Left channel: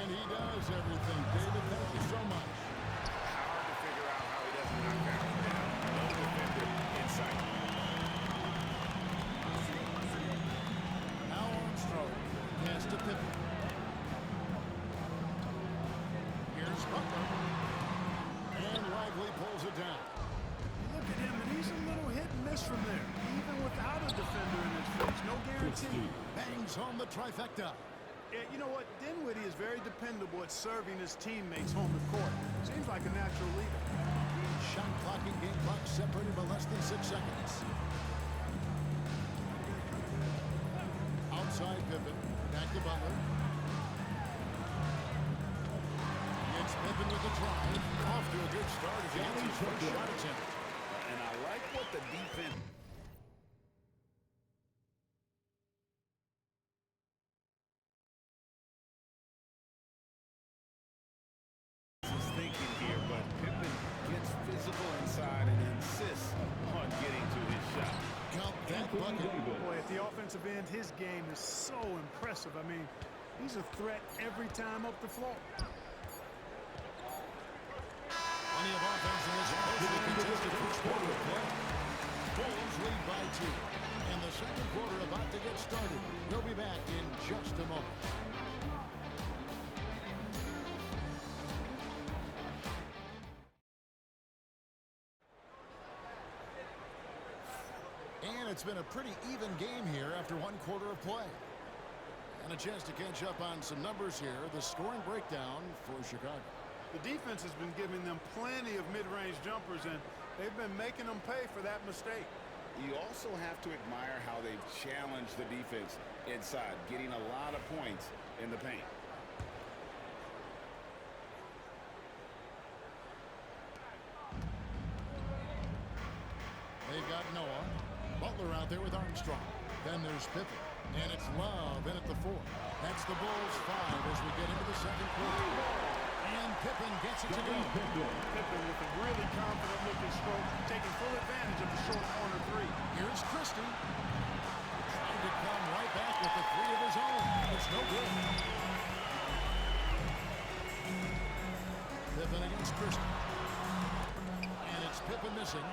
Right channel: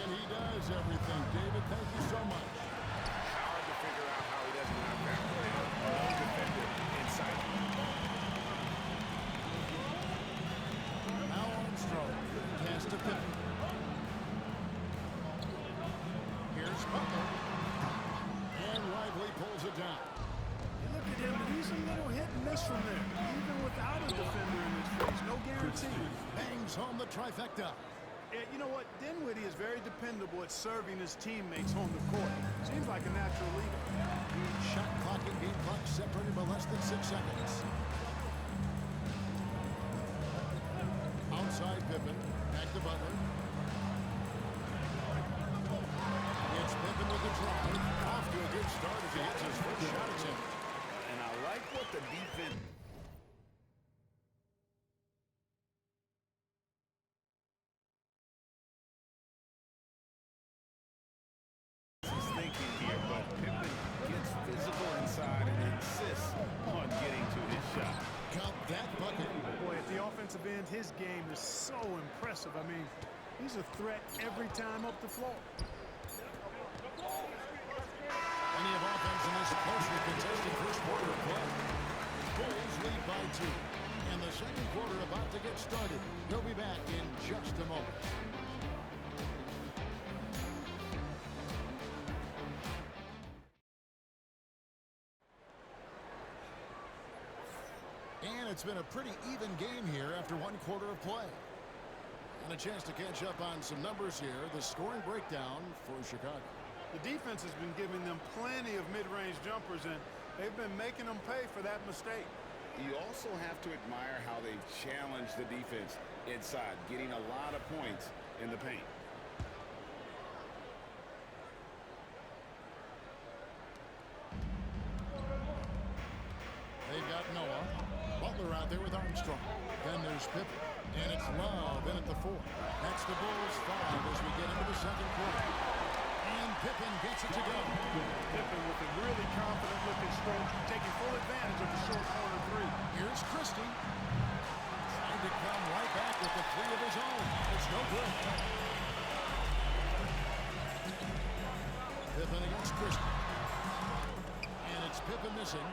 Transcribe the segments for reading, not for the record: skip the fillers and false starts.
And he does everything. David, thank you so much. Hard to figure out how he doesn't knock that one down. No defender in sight. Now Armstrong. Pass to Pippen. Here's Butler. And Lively pulls it down. You look at him, and he's a little hit and miss from there. Even without a defender in his face. No guarantee. Bangs home the trifecta. Yeah, you know what? Dinwiddie is very dependable at serving his teammates home the court. Seems like a natural leader. Shot clock and game clock separated by less than 6 seconds. Outside Pippen. Back to Butler. It's Pippen with the drive. Off to a good start as he gets his first shot attempt. And I like what the defense is thinking here, but Pippen gets physical inside and insists on getting to his shot. Count that bucket. Boy, at the offensive end, his game is so impressive. I mean, he's a threat every time up the floor. Plenty of offense in this closely contested first quarter of play. Bulls lead by 2. And the second quarter about to get started. We'll be back in just a moment. And it's been a pretty even game here after one quarter of play. And a chance to catch up on some numbers here. The scoring breakdown for Chicago. The defense has been giving them plenty of mid-range jumpers, and they've been making them pay for that mistake. You also have to admire how they've challenged the defense inside, getting a lot of points in the paint. They've got Noah. Butler out there with Armstrong. Then there's Pippen. And it's Love in at the 4. That's the Bulls 5 as we get into the second quarter. And Pippen gets it to go. Pippen with a really confident-looking stroke, taking full advantage of the short corner 3. Here's Christie. Trying to come right back with the 3 of his own. It's no good. Pippen against Christie. And it's Pippen missing.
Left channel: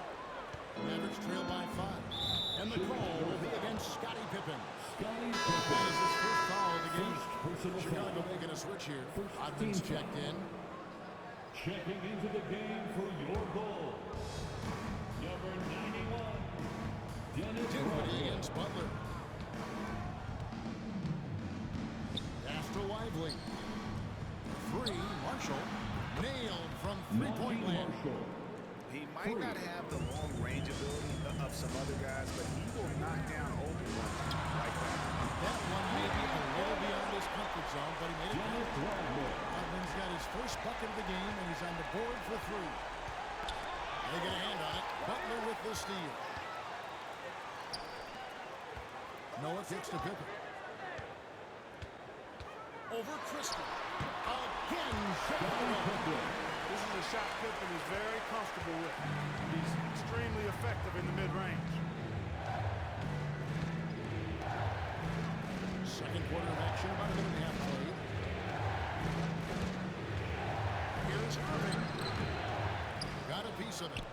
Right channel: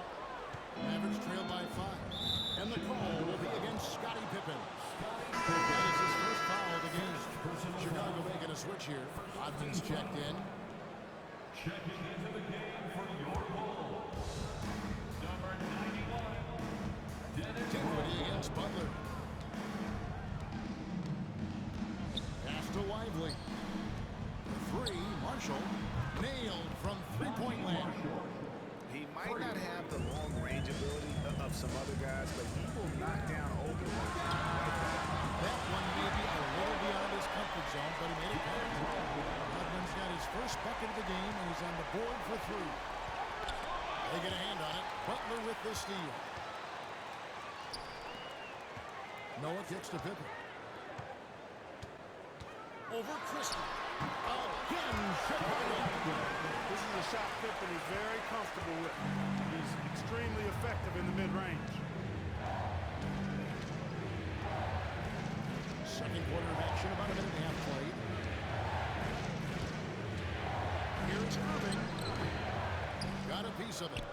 Mavericks trail by 5. And the call will be against Scottie Pippen. That is his first foul of the game. Chicago making a switch here. Rodman's checked in. Checking into the game for your Bulls, number 91, Dinwiddie against Butler. Pass to Lively. 3, Marshall. Nailed from three-point land. He might not have the long-range ability of some other guys, but he will knock down open ones like that. That one may be a little beyond his comfort zone, but he made it count. Rodman's got his first bucket of the game, and he's on the board for 3. They get a hand on it. Butler with the steal. Noah kicks to Pippen. Over Christie. Again, Chicago. This is a shot Pippen is very comfortable with. He's extremely effective in the mid-range. Second quarter of action, about a minute and a half played. Here's Irving. Got a piece of it.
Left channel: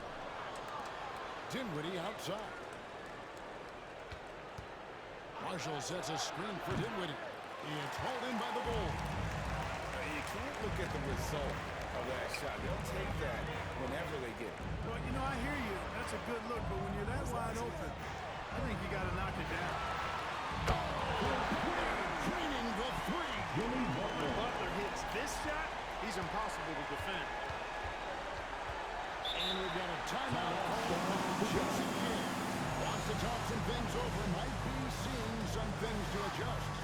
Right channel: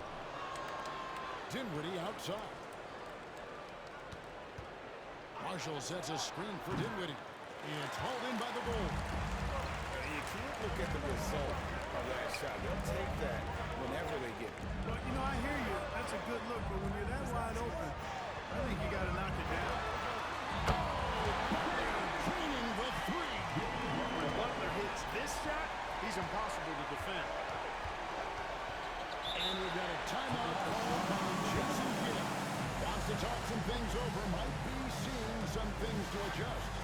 Dinwiddie outside. Marshall sets a screen for Dinwiddie. It's hauled in by the Bulls. You can't look at the result of that shot. They'll take that whenever they get it. Well, you know, I hear you. That's a good look, but when you're that wide open, I think you got to knock it down. Butler draining the 3. When Butler hits this shot, he's impossible to defend. And we've got a timeout called by Jason Kidd. Wants to talk some things over. Might be seeing some things to adjust.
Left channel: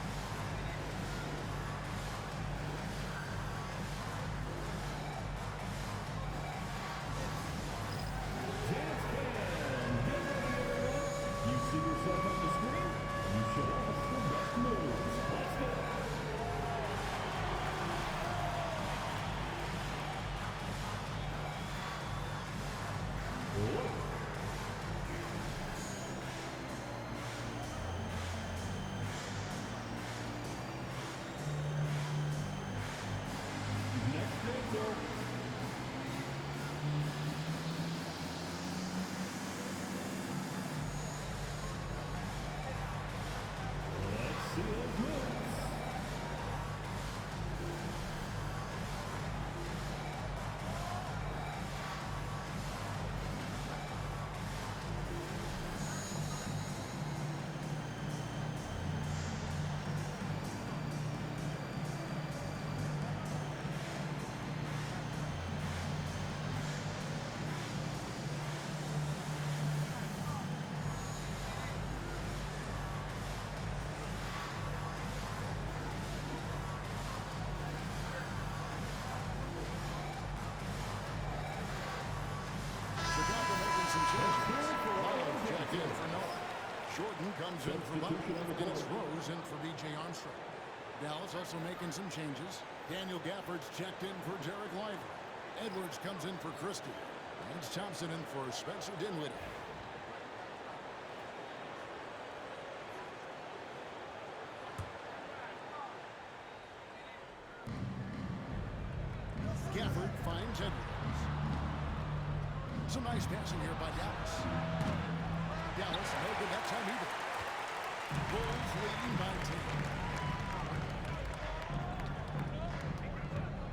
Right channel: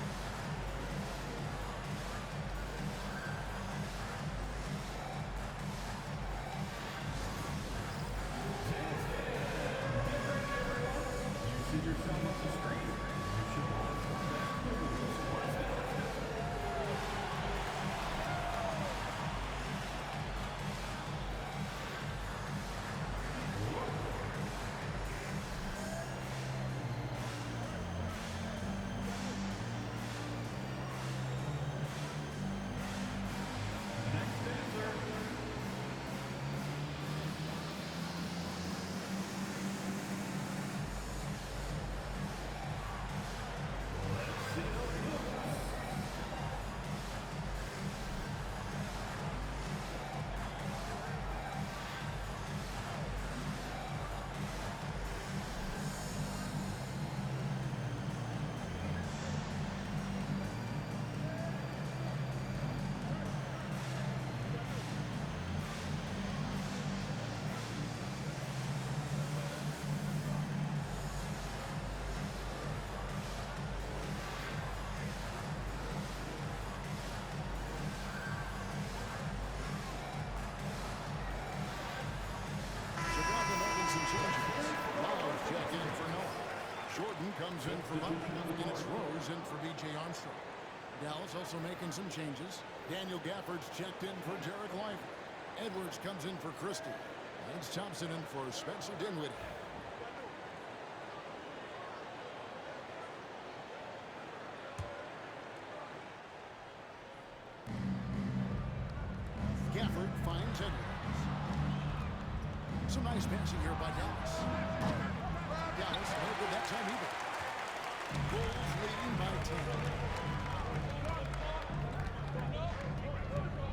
see yourself on the screen, you should watch the best moves. Let's go. checked in for Noah. Jordan comes in for Butler, and it's Rose in for B.J. Armstrong. Dallas also making some changes. Daniel Gafford's checked in for Derek Lively. Edwards comes in for Christie. And it's Thompson in for Spencer Dinwiddie. Gafford finds Edwards. Some nice passing here by Dallas. Dallas, no good that time either. Bulls leading by 10.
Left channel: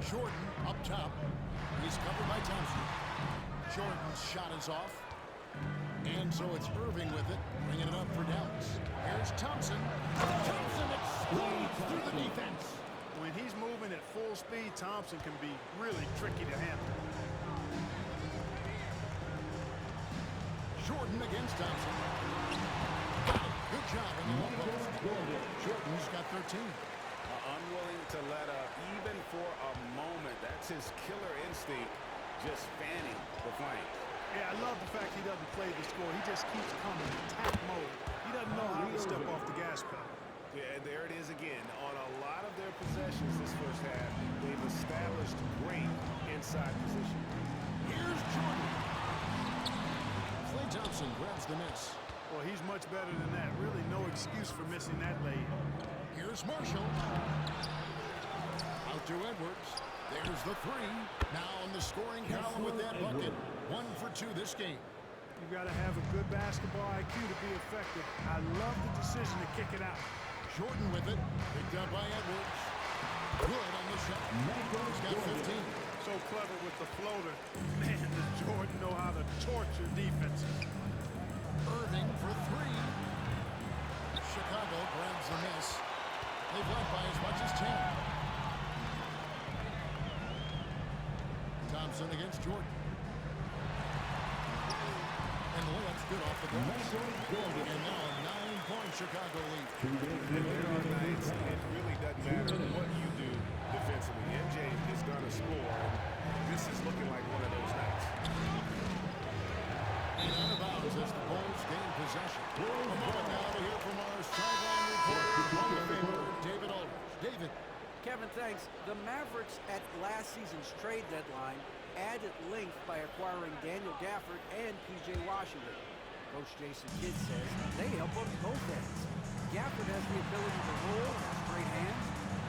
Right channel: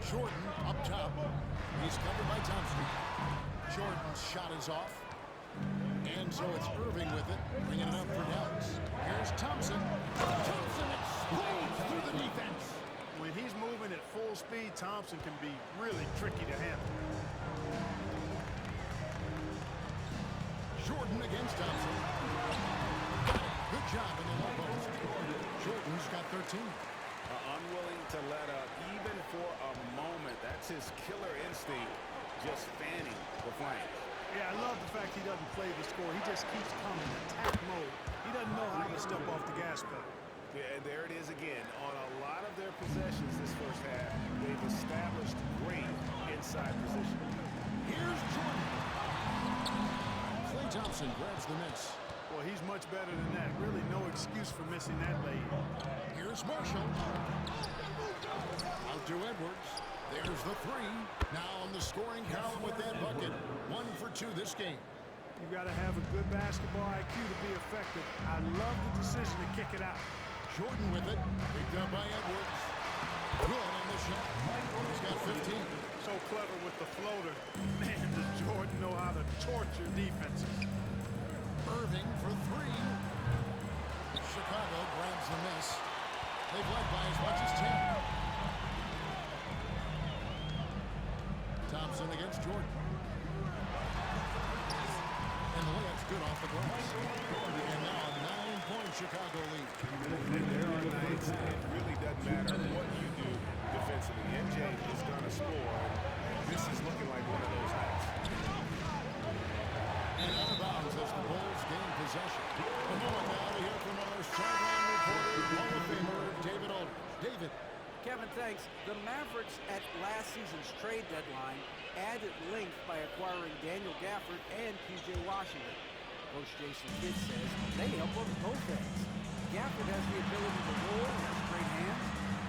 Jordan up top. He's covered by Thompson. Jordan's shot is off. And so it's Irving with it, bringing it up for Dallas. Here's Thompson. Thompson explodes through the defense. When he's moving at full speed, Thompson can be really tricky to handle. Jordan against Thompson. Got it. Good job in the low post. Jordan's got 13. Unwilling to let up even for a moment. That's his killer instinct, just fanning the flames. Yeah, I love the fact he doesn't play the score. He just keeps coming, attack mode. He doesn't know how to step off the gas pedal. Yeah, and there it is again. On a lot of their possessions this first half, they've established great inside position. Here's Jordan. Klay Thompson grabs the miss. Well, he's much better than that. Really no excuse for missing that lay-in. Here's Marshall. Out to Edwards. There's the three. Now on the scoring column with that bucket. 1 for 2 this game. You've got to have a good basketball IQ to be effective. I love the decision to kick it out. Jordan with it. Picked up by Edwards. Good on the shot. He's got 15. So clever with the floater. Man, does Jordan know how to torture defenses. Irving for 3. Chicago grabs the miss. They've led by as much as 10. Thompson against Jordan. And the layup's good off the glass. And now a 9-point Chicago lead. And there are nights it really doesn't matter what you do defensively. MJ is going to score, and this is looking like one of those nights. And out of bounds as the Bulls gain possession. A moment now to hear from our sideline reporter, Hall of Famer David Aldridge. David. Kevin, thanks. The Mavericks at last season's trade deadline added length by acquiring Daniel Gafford and P.J. Washington. Coach Jason Kidd says they help on both ends. Gafford has the ability to roll, has great hands.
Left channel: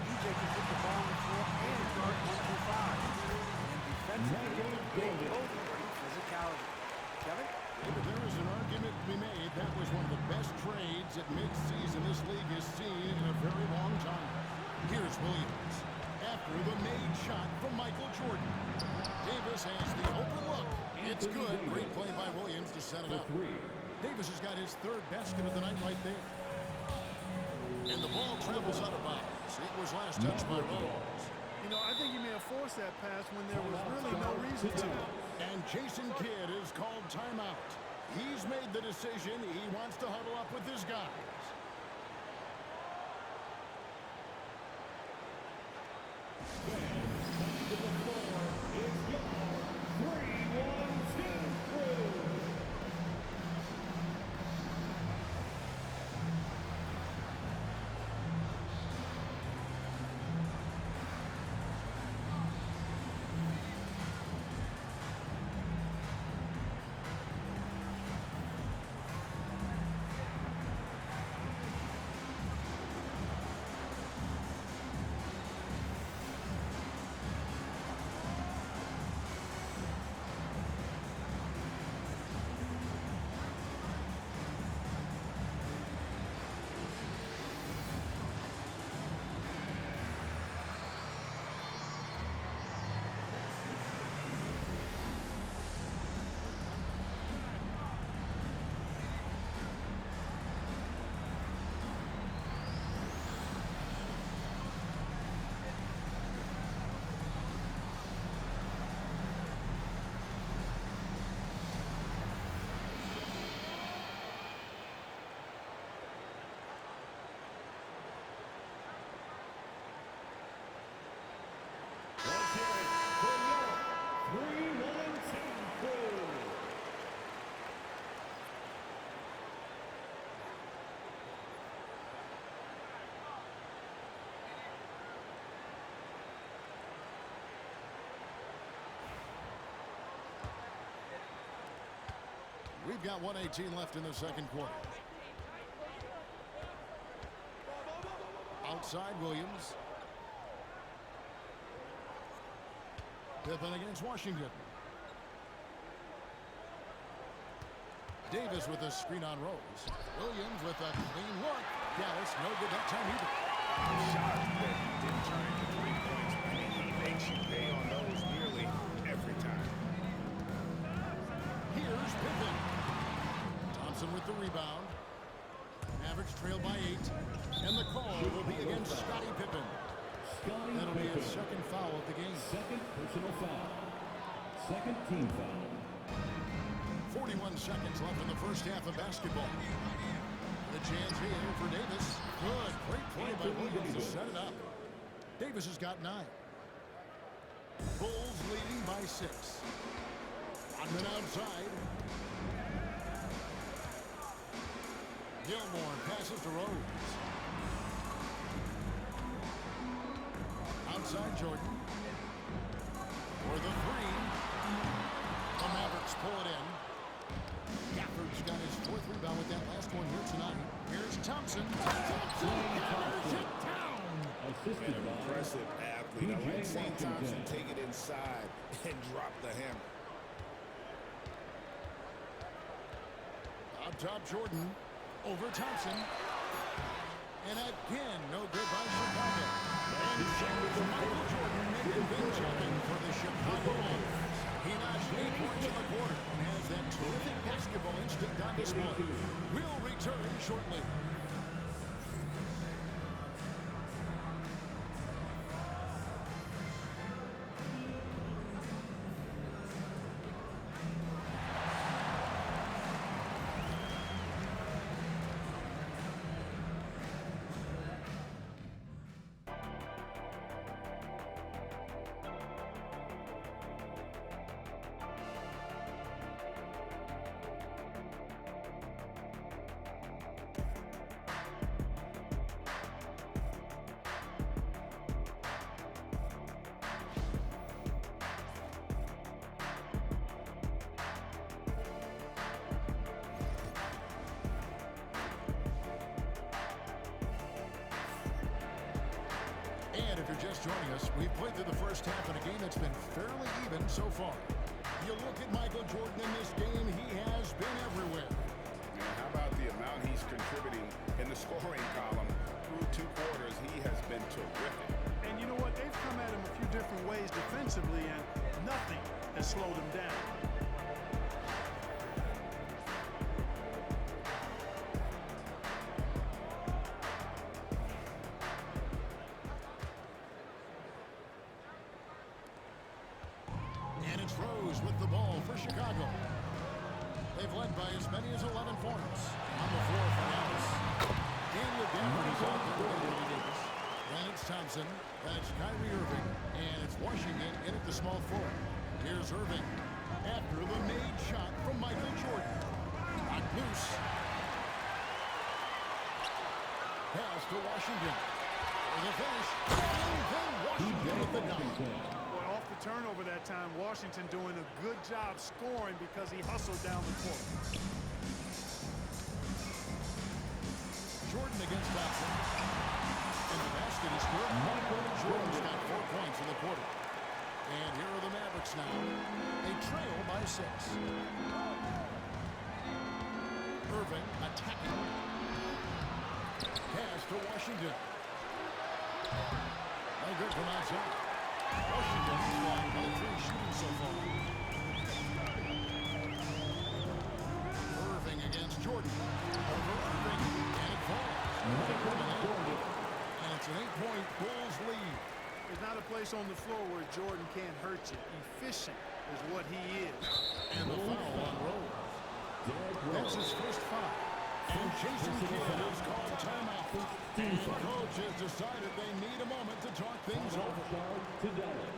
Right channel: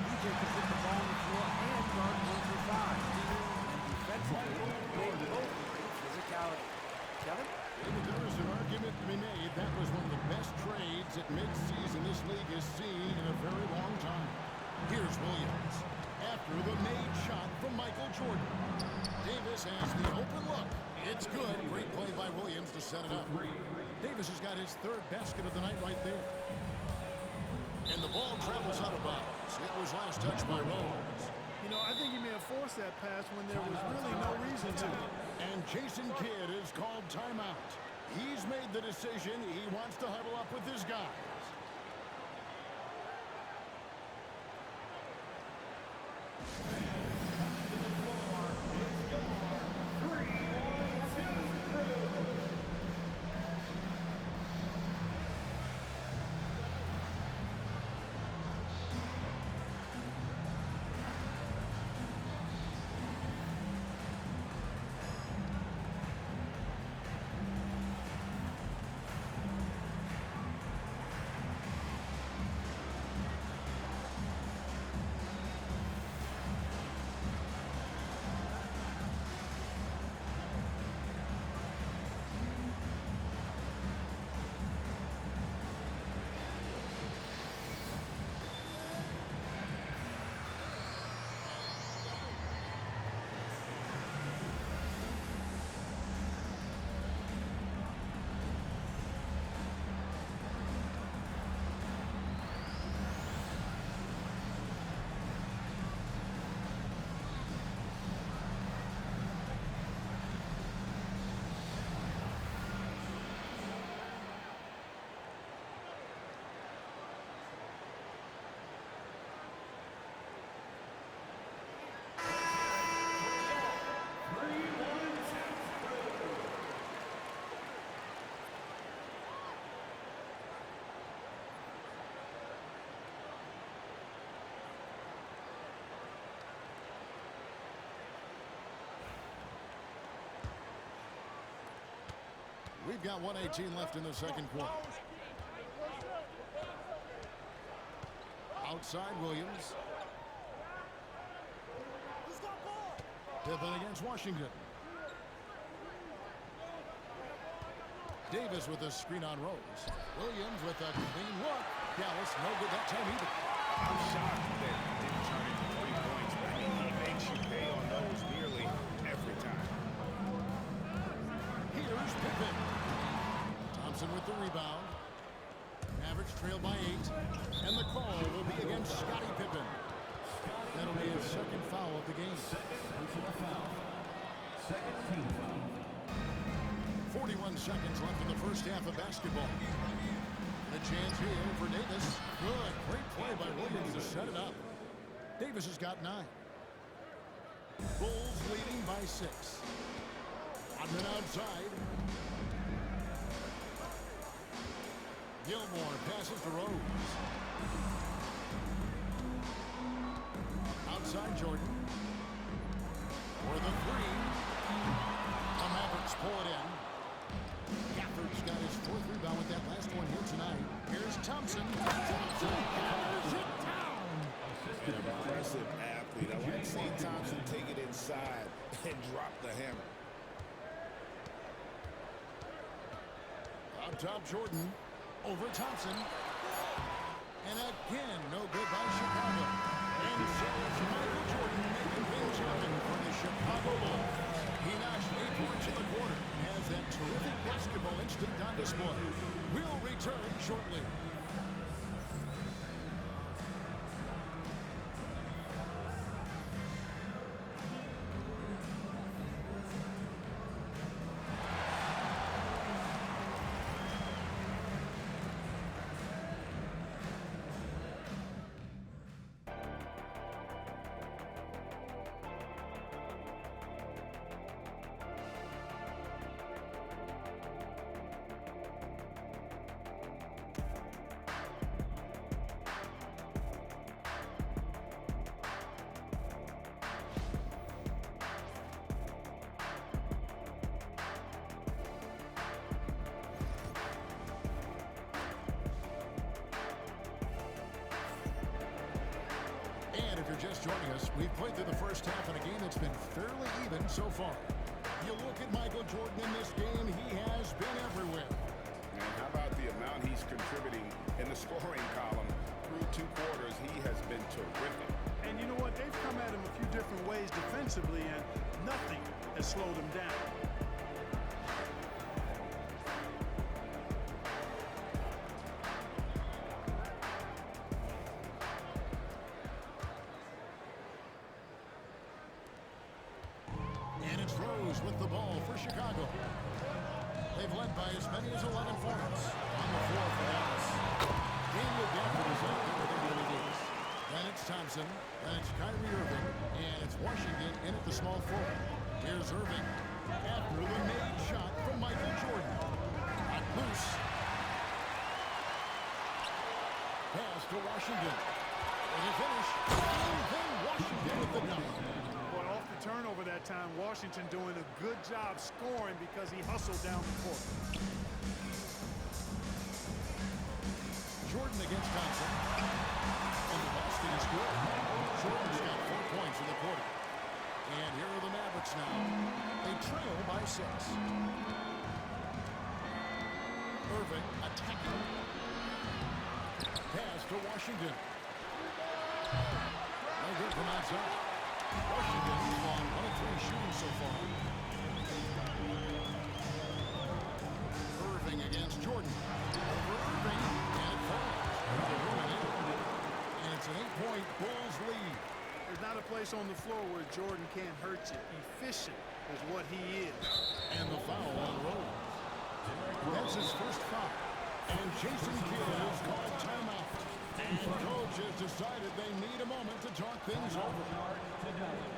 P.J. can put the ball on the floor and guard 1 through 5. And then defensively, they both bring physicality. Kevin? David, there is an argument to be made. That was one of the best trades at midseason this league has seen in a very long time. Here's Williams. After the made shot from Michael Jordan. Davis has the open look. It's good. Great play by Williams to set it up. Davis has got his 3rd basket of the night right there. And the ball travels out of bounds. It was last touched by Rose. You know, I think he may have forced that pass when there was really no reason to. And Jason Kidd is called timeout. He's made the decision. He wants to huddle up with his guys. We've got 1:18 left in the second quarter. Outside Williams. Pippen against Washington. Davis with a screen on Rose. Williams with a clean look. Dallas no good that time either. I'm shocked that he didn't turn into 3 points. I mean, he makes you pay on those nearly every time. Here's Pippen. Thompson with the rebound. Mavericks trail by 8. And the call will be against Scottie Pippen. That'll be his second foul of the game. Second personal foul. Second team foul. 41 seconds left in the first half of basketball. The chance here for Davis. Good. Great play by Williams to set it up. Davis has got 9. Bulls leading by 6. Rodman outside. Gilmore passes to Rose. Outside Jordan. For the 3. The Mavericks pull it in. Gafford's got his 4th rebound with that last one here tonight. Here's Thompson. Thompson hammers it down. An impressive athlete. I like seeing Thompson take it inside and drop the hammer. Up top Jordan. Over Thompson. And again, no good by Chicago. And so it's Michael Jordan making things happen for the Chicago Bulls. He notched 8 points in the quarter and has that terrific basketball instinct on display. We'll return shortly. And if you're just joining us, we've played through the first half in a game that's been fairly even so far. You look at Michael Jordan in this game, he has been everywhere. And how about the amount he's contributing in the scoring column? Through 2 quarters, he has been terrific. And you know what? They've come at him a few different ways defensively, and nothing has slowed him down. And it's Rose with the ball for Chicago. They've led by as many as 11 points. On the floor for Dallas. Daniel Gafford is out there with Anthony Davis. Then it's Thompson. Then it's Kyrie Irving. And it's Washington in at the small forward. Here's Irving. After the made shot from Michael Jordan. Got loose. Pass to Washington. For the finish. And then Washington with the dunk. Boy, off the turnover that time, Washington doing a good job scoring because he hustled down the court. Jordan against Thompson. And the basket is good. Jordan's got 4 points in the quarter. And here are the Mavericks now. They trail by 6. Irving attacking. Pass to Washington. No good from outside. Washington's gone 1 of 3 shooting so far. Irving against Jordan. Over Irving. And it falls. Over the rim and in. And it's an 8-point Bulls lead. There's not a place on the floor where Jordan can't hurt you. Efficient is what he is. And the foul on Rose. That's his first foul. And Jason Kidd has called timeout. And coach has decided they need a moment to talk things over. To Dallas.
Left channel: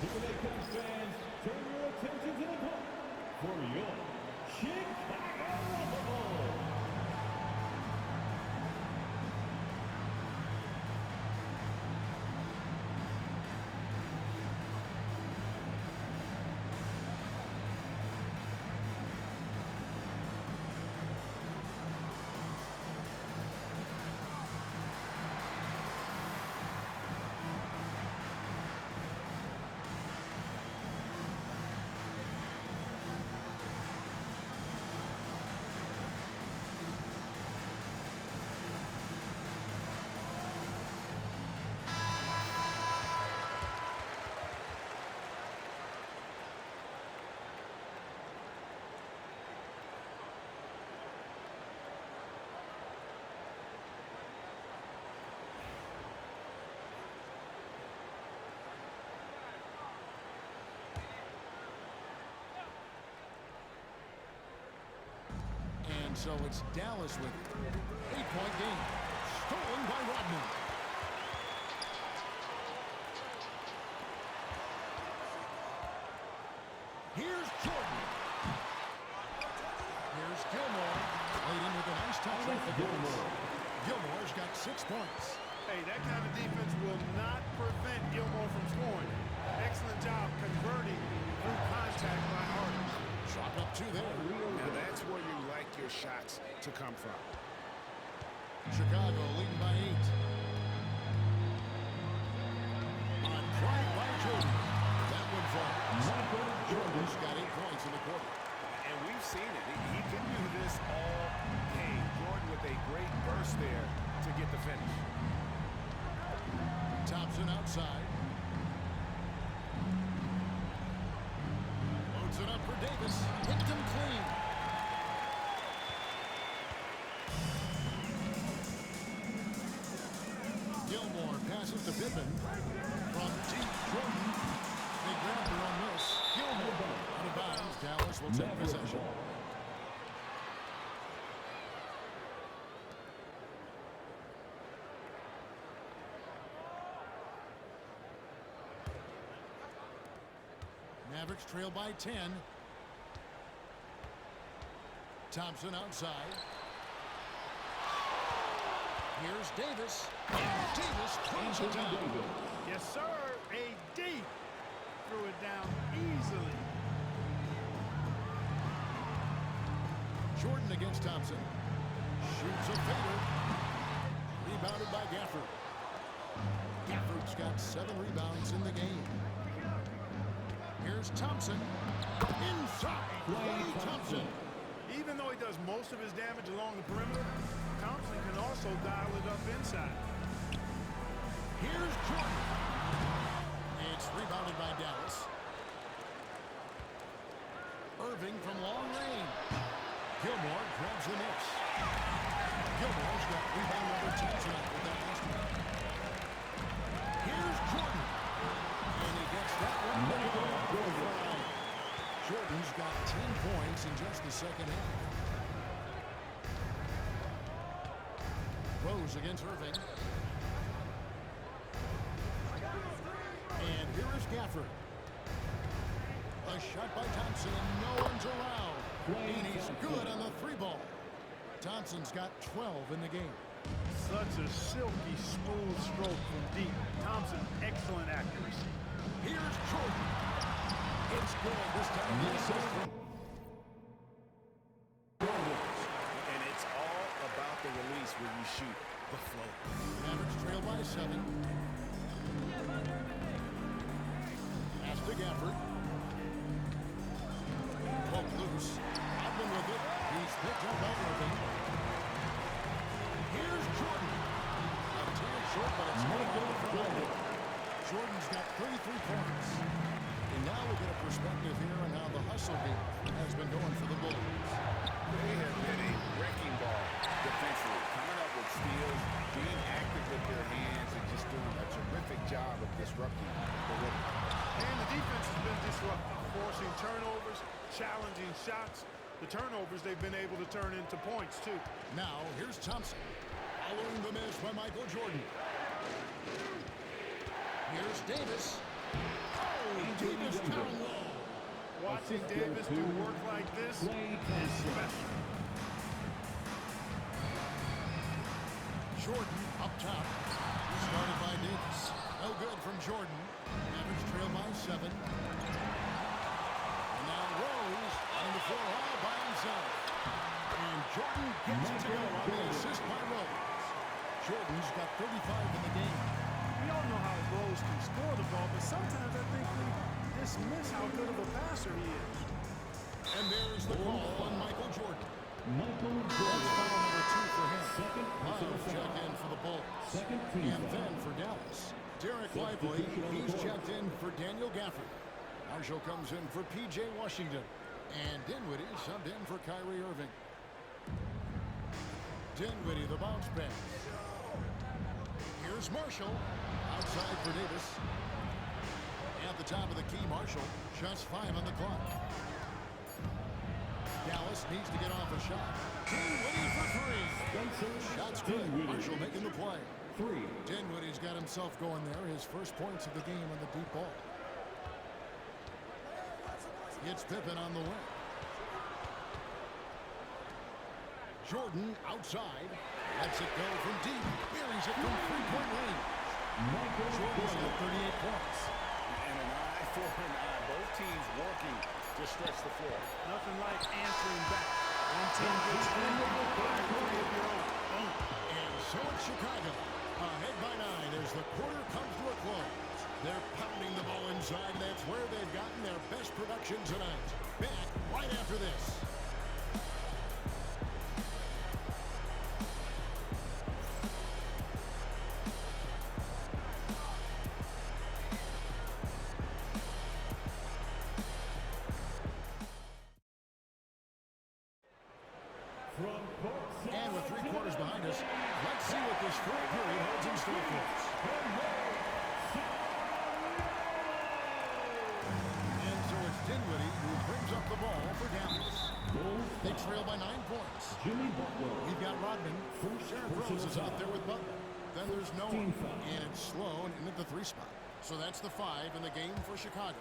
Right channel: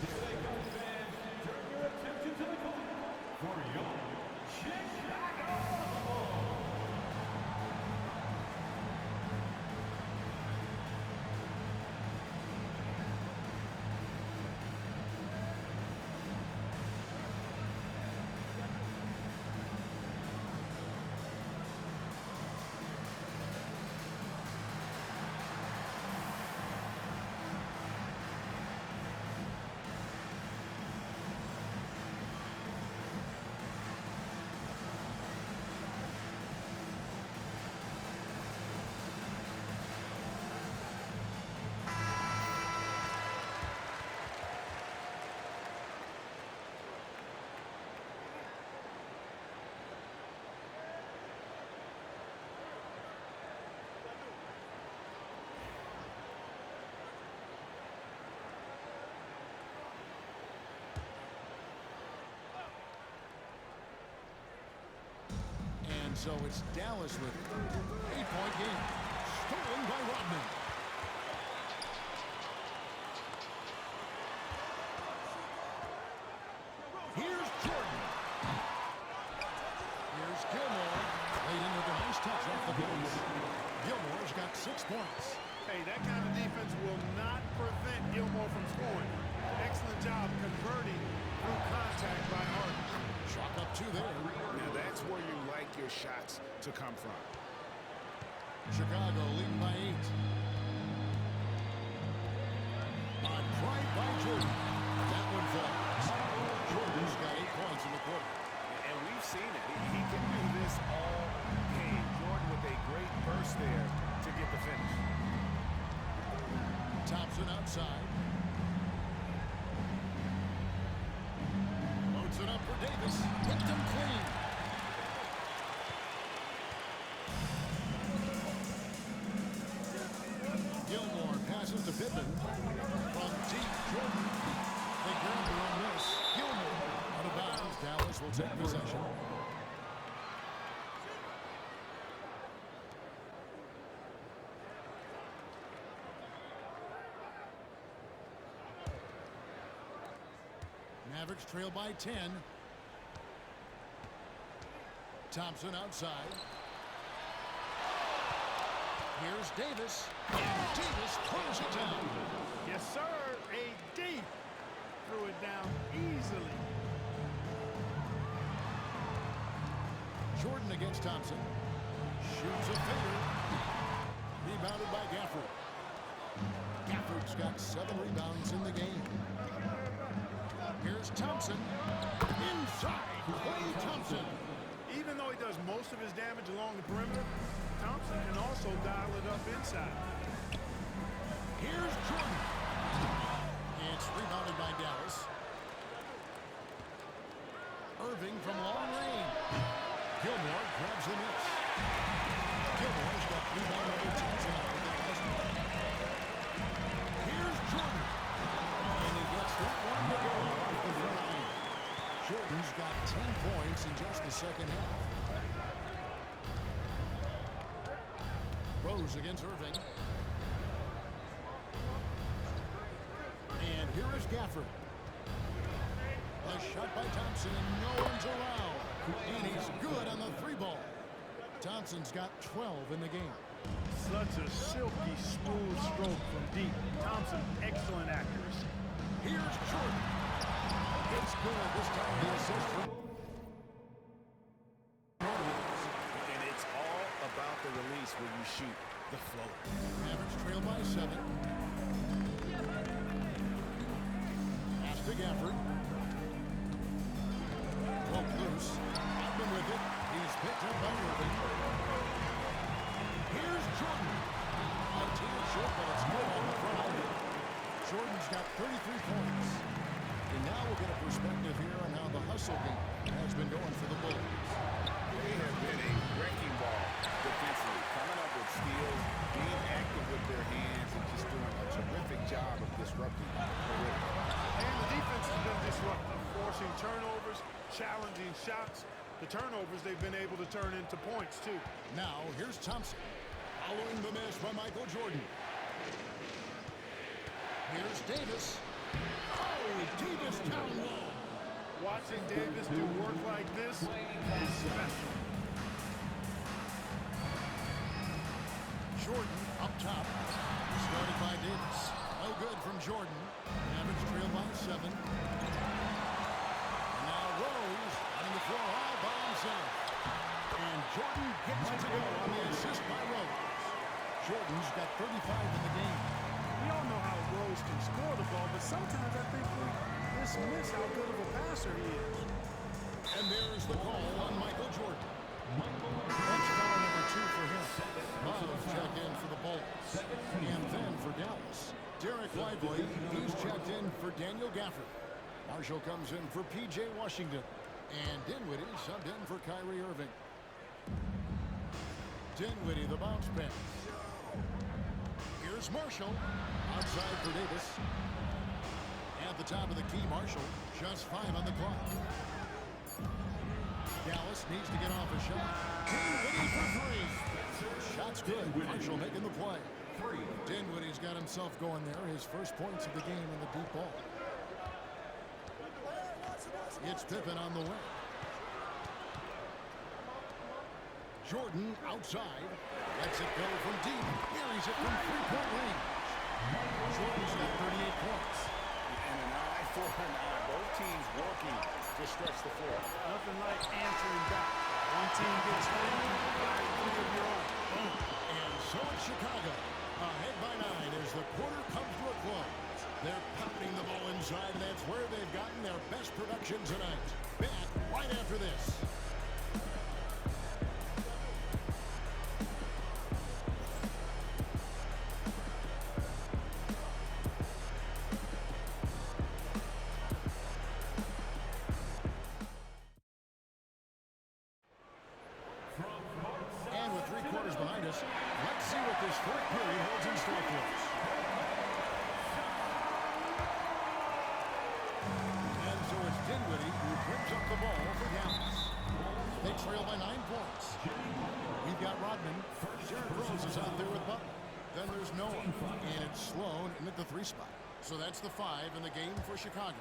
Today, Cubs fans, turn your attention to the court for your Chicago Bulls. And so it's Dallas with it. 8-point game. Stolen by Rodman. Here's Jordan. Here's Gilmore. Laid in with a nice touch off the glass. Gilmore's got 6 points. Hey, that kind of defense will not prevent Gilmore from scoring. Excellent job converting through contact by Harden. Chalk up 2 there. Now that's where you like your shots to come from. Chicago leading by 8. On drive by Jordan. That one falls. Jordan's got 8 points in the quarter. And we've seen it. He can do this all game. Jordan with a great burst there to get the finish. Thompson outside. Loads it up for Davis. Picked him clean. Gilmore passes to Pippen. From deep, Jordan. They grab their own miss. Gilmore out of bounds. Dallas will take possession. Mavericks trail by 10. Thompson outside. Here's Davis. And Davis throws it down. Yes, sir. AD threw it down easily. Jordan against Thompson. Shoots a fader. Rebounded by Gafford. Gafford's got 7 rebounds in the game. Here's Thompson. Inside, Klay Thompson. Even though he does most of his damage along the perimeter, Thompson can also dial it up inside. Here's Jordan. It's rebounded by Dallas. Irving from long range. Gilmore grabs the miss. Gilmore's got rebound number 10 tonight with that last one. Here's Jordan. And he gets that one to go off the front line. Jordan's got 10 points in just the second half. Rose against Irving. And here is Gafford. A shot by Thompson, and no one's around. And he's good on the 3-ball. Thompson's got 12 in the game. Such a silky, smooth stroke from deep. Thompson, excellent accuracy. Here's Jordan. It's good. This time the assist from Jordan. And it's all about the release when you shoot the float. Mavericks trail by 7. Pass to Gafford. Poke loose. Rodman with it. He's picked up by Irving. Here's Jordan. A tear short, but it's good off the front end. Jordan's got 33 points. And now we'll get a perspective here on how the hustle game has been going for the Bulls. They have been a wrecking ball defensively, coming up with steals, being active with their hands, and just doing a terrific job of disrupting the rhythm. And the defense has been disruptive, forcing turnovers, challenging shots. The turnovers they've been able to turn into points, too. Now, here's Thompson. Following the miss by Michael Jordan. Here's Davis. Oh, Davis down low. Watching Davis do work like this is special. Jordan up top. Started by Davis. No good from Jordan. Mavericks trail by 7. And now Rose running the floor all by himself. And Jordan gets it to go on the assist by Rose. Jordan's got 35 in the game. We all know how Rose can score the ball, but sometimes I think we dismiss how good of a passer he is. And there's the call on Michael Jordan. That's foul number 2 for him. Love check in for the Bulls. And then for Dallas, Derek Lively, he's checked in for Daniel Gafford. Marshall comes in for P.J. Washington. And Dinwiddie subbed in for Kyrie Irving. Dinwiddie, the bounce pass. Here's Marshall. Outside for Davis. At the top of the key, Marshall. Just 5 on the clock. Dallas needs to get off a shot. Dinwiddie for three. Shot's good. Marshall making the play. Dinwiddie's got himself going there. His first points of the game on the deep ball. It's Pippen on the wing. Jordan outside. Lets it go from deep. Buries it from three-point range. Jordan's got 38 points. And an eye for an eye. Both teams working to stretch the floor. Nothing like answering back. One team gets three, you fire three of your own. Boom. And so it's Chicago. Ahead by 9 as the quarter comes to a close. They're pounding the ball inside, and that's where they've gotten their best production tonight. Back right after this. And with 3 quarters behind us, let's see what this fourth period holds in store for us. And so it's Dinwiddie who brings up the ball for Dallas. They trail by 9 points. We've got Rodman. Derrick Rose is out there with Butler. Then there's Noah. And it's Sloan in at the 3 spot. So that's the 5 in the game for Chicago.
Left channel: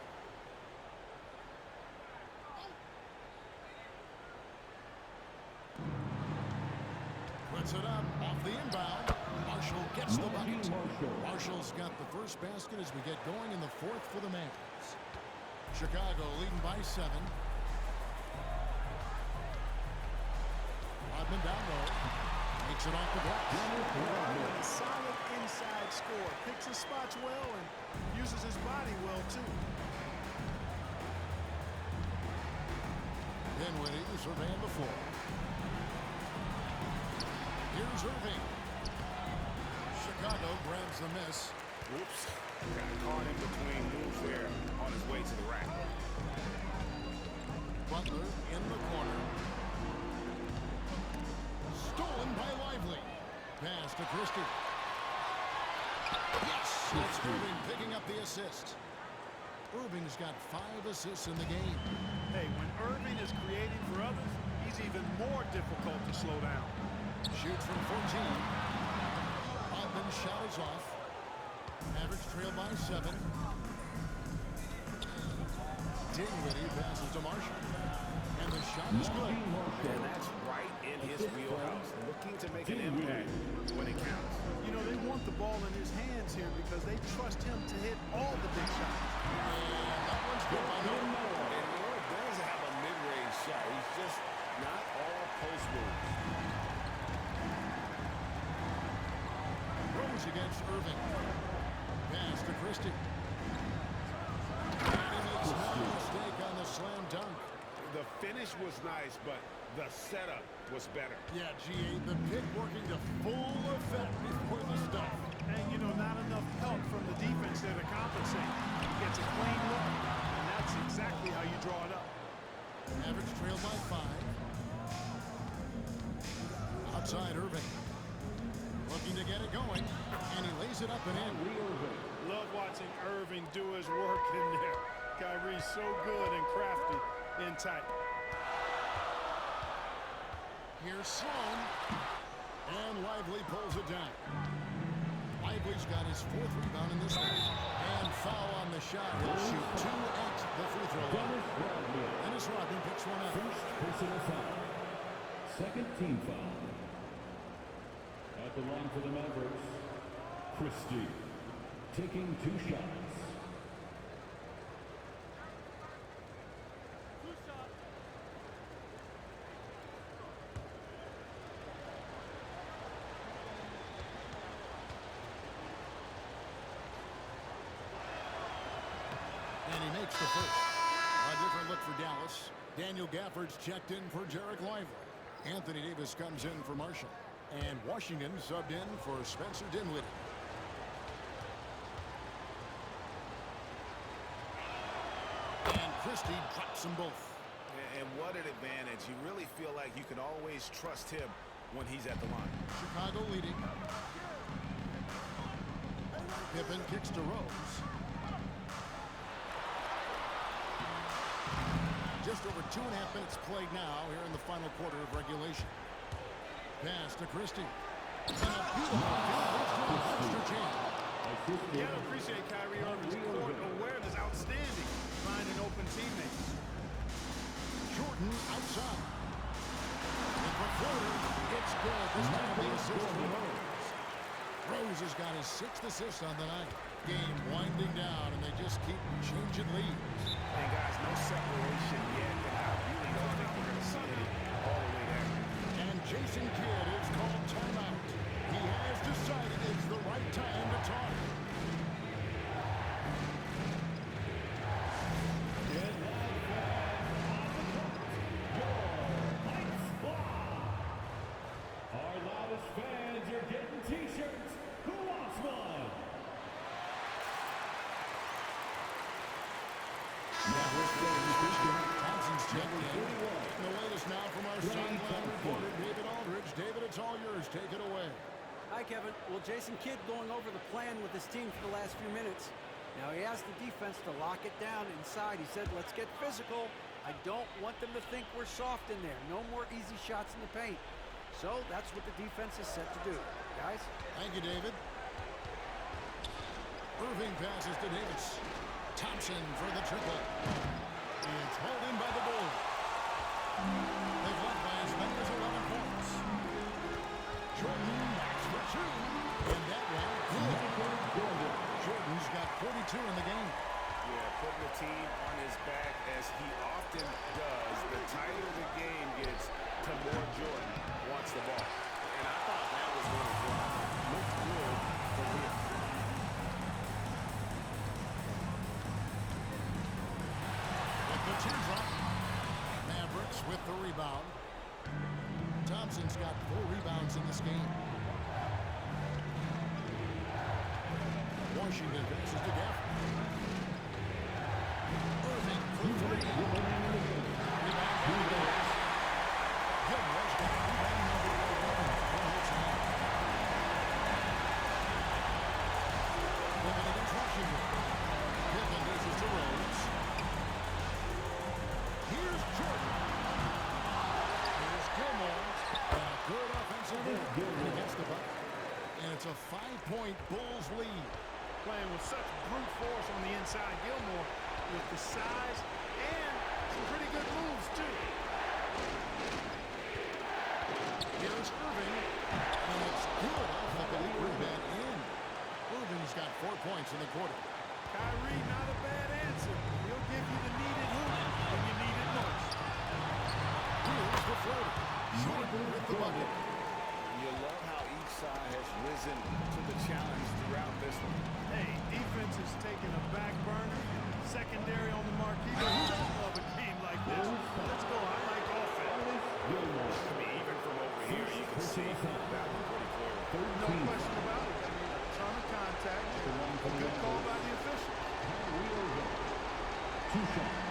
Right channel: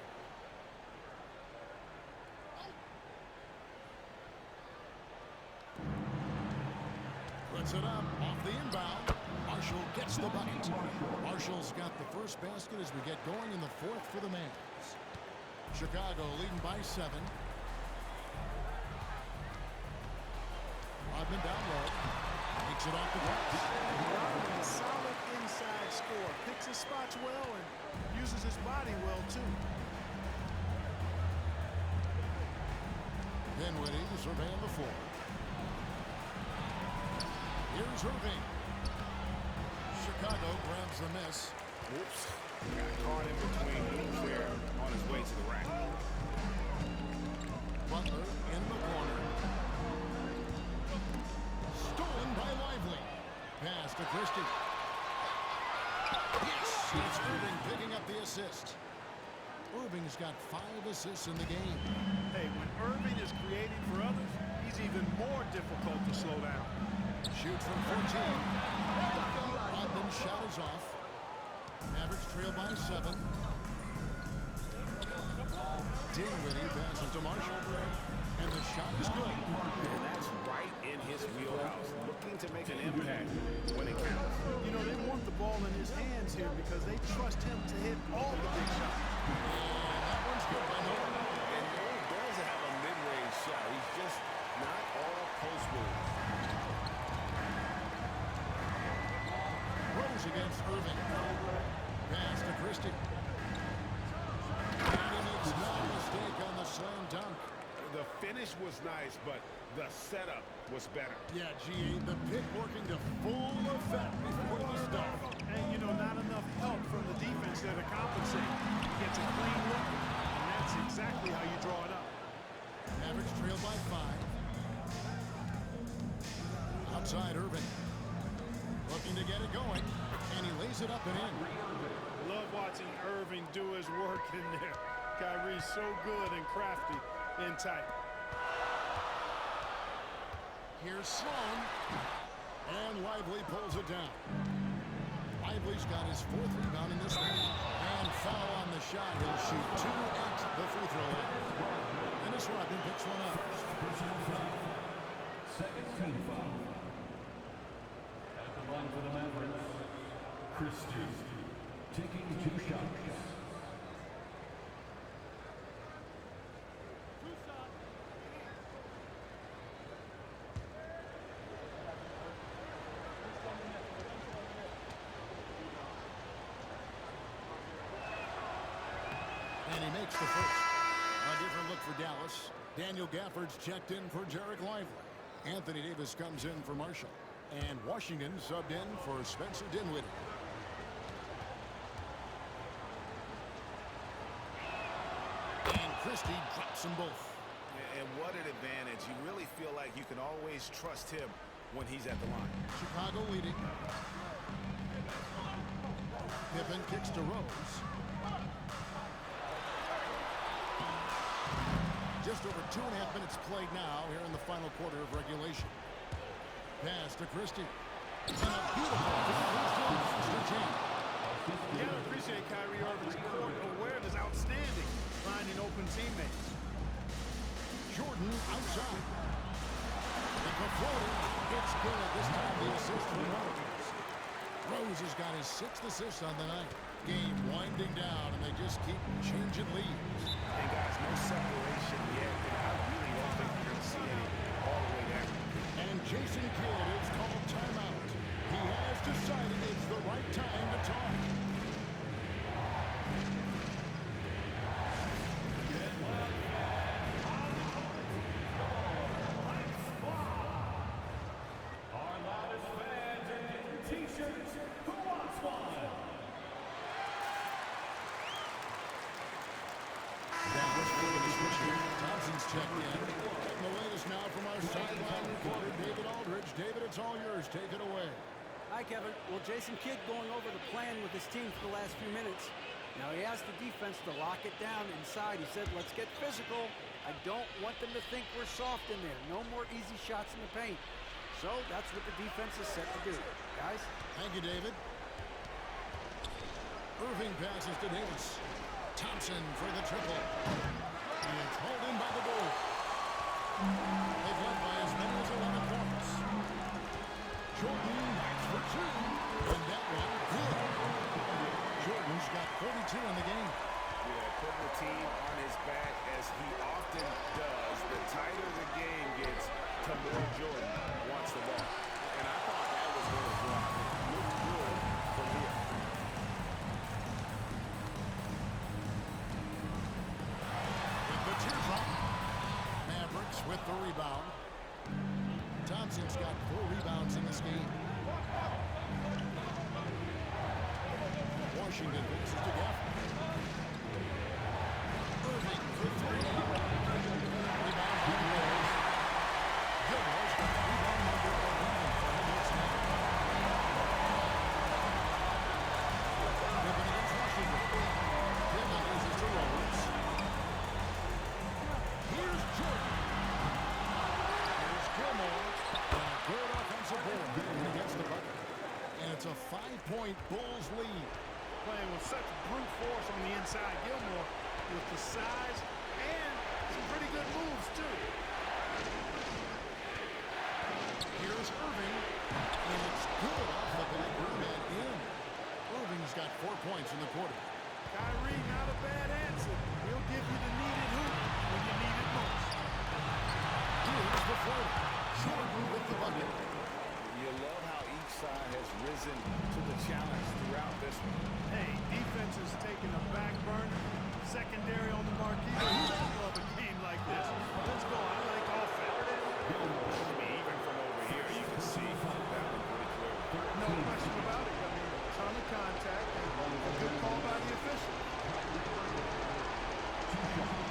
Puts it up off the inbound. Marshall gets the bucket. Marshall's got the first basket as we get going in the 4th for the Mavs. Chicago leading by 7. Rodman down low. Makes it off the glass. Rodman, a solid inside scorer. Picks his spots well and uses his body well, too. Dinwiddie surveying the floor. Here's Irving. Chicago grabs the miss. Whoops. Got caught in between moves there on his way to the rack. Butler in the corner. Stolen by Lively. Pass to Christie. Yes! It's Irving picking up the assist. Irving's got 5 assists in the game. Hey, when Irving is creating for others, he's even more difficult to slow down. Shoots from 14. Rodman's shot is off. Mavericks trail by 7. Dinwiddie passes to Marshall. And the shot is good. And that's right in his wheelhouse. Looking to make an impact when it counts. You know, they want the ball in his hands here because they trust him to hit all the big shots. And that one's good by Noah. And Noah does have a mid-range shot. He's just not all post moves. Rose against Irving. Pass to Christie. And he makes no mistake on the slam dunk. The finish was nice, but the setup was better. Yeah, G.A., the pick working to full effect before the stuff. And, you know, not enough help from the defense there to compensate. He gets a clean look, and that's exactly how you draw it up. Mavericks trail by 5. Outside Irving. Looking to get it going, and he lays it up and in. Love watching Irving do his work in there. Kyrie's so good and crafty in tight. Here's Sloan. And Lively pulls it down. Lively's got his 4th rebound in this one. And foul on the shot. He'll shoot 2 at the free throw line. Dennis Rodman picks one up. First personal foul. Second team foul. At the line for the Mavericks, Christie taking 2 shots. And he makes the first. A different look for Dallas. Daniel Gafford's checked in for Derek Lively. Anthony Davis comes in for Marshall. And Washington subbed in for Spencer Dinwiddie. And Christie drops them both. And what an advantage. You really feel like you can always trust him when he's at the line. Chicago leading. Pippen kicks to Rose. Just over 2.5 minutes played now here in the final quarter of regulation. Pass to Christie. And a beautiful feed leads to a monster jam. You got to appreciate Kyrie Irving's court awareness. Outstanding. Finding open teammates. Jordan outside. It's a floater. It's good. This time the assist from Rose. Rose has got his 6th assist on the night. Game winding down, and they just keep changing leads. And guys, no separation yet, and I really don't think we're going to see any all the way there. And Jason Kidd is called timeout. He has decided it's the right time to talk. Our loudest fans are getting T-shirts. Who wants one? Now we're speaking of switching. Thompson's checked in. Getting the latest now from our sideline reporter, David Aldridge. David, it's all yours. Take it away. Hi, Kevin. Well, Jason Kidd going over the plan with his team for the last few minutes. Now, he asked the defense to lock it down inside. He said, let's get physical. I don't want them to think we're soft in there. No more easy shots in the paint. So that's what the defense is set to do. Guys? Thank you, David. Irving passes to Davis. Thompson for the triple. It's hauled in by the goal. They've led by as many as 11 points. Jordan, that's for 2. And that one, good. Jordan's got 42 in the game. Yeah, putting the team on his back as he often does. The tighter the game gets, the more Jordan wants the ball. And I thought that was going to drop. It looked good from here. With the teardrop, Mavericks with the rebound. Thompson's got 4 rebounds in this game. Washington passes to Gafford. Irving for 3. Rebound by the Bulls. Gilmore's got rebound number 11 for him here tonight. Pippen against Washington. Pippen loses to Rose. Here's Jordan. Here's Gilmore. And a good offensive board. And against the bucket. And it's a 5-point Bulls lead. Playing with such brute force on the inside. Gilmore with the size and some pretty good moves, too. Here's Irving. And it's good off the big rebound in. Irving's got 4 points in the quarter. Kyrie, not a bad answer. He'll give you the needed hoop when you need it most. Here's the floater. Jordan with the bucket. You love how each side has risen to the challenge throughout this one. Hey, defense is taking a back burner. Secondary on the marquee. Who doesn't love a game like this? Let's go. I like offense. I mean, even from over here, you can see that one pretty clearly. No question about it. I mean, a ton of contact and a good call by the official. 2 shots.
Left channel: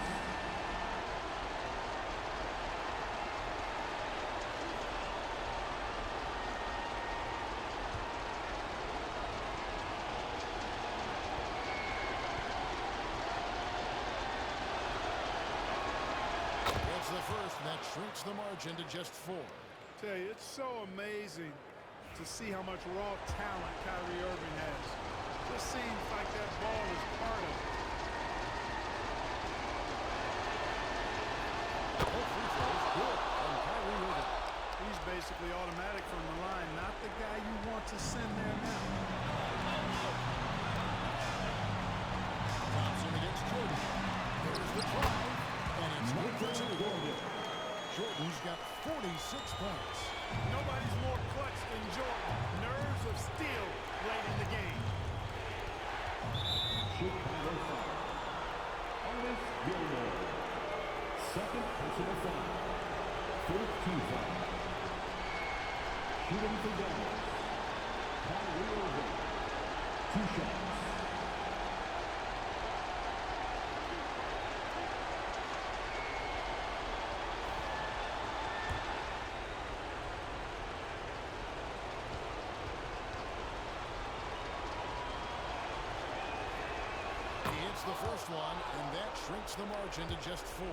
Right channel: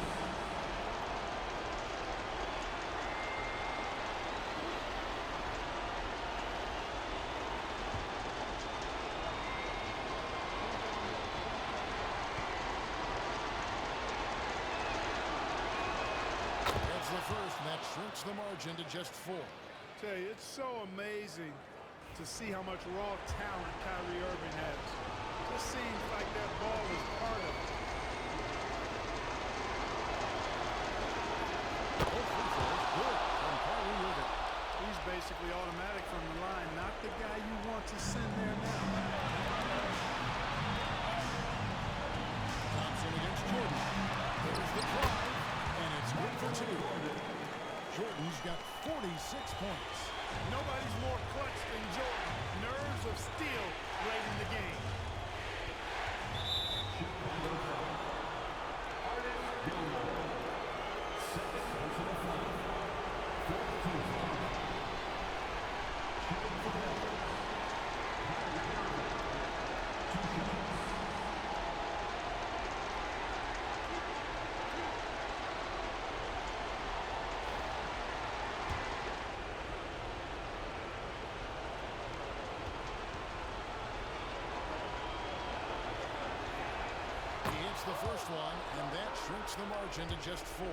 It's the first, and that shrinks the margin to just 4. Tell you, it's so amazing to see how much raw talent Kyrie Irving has. Just seems like that ball is part of it. Both free throws good from Kyrie Irving. He's basically automatic from the line, not the guy you want to send there now. Thompson against Jordan. There's the drive, and it's good for 2. Jordan's got 46 points. Nobody's more clutch than Jordan. Nerves of steel late in the game. Chicago foul. Ernest Gilmore. Second personal foul. 14th foul. Shooting from down. Kyrie Irving. 2 shots. He hits the first one, and that shrinks the margin to just 4.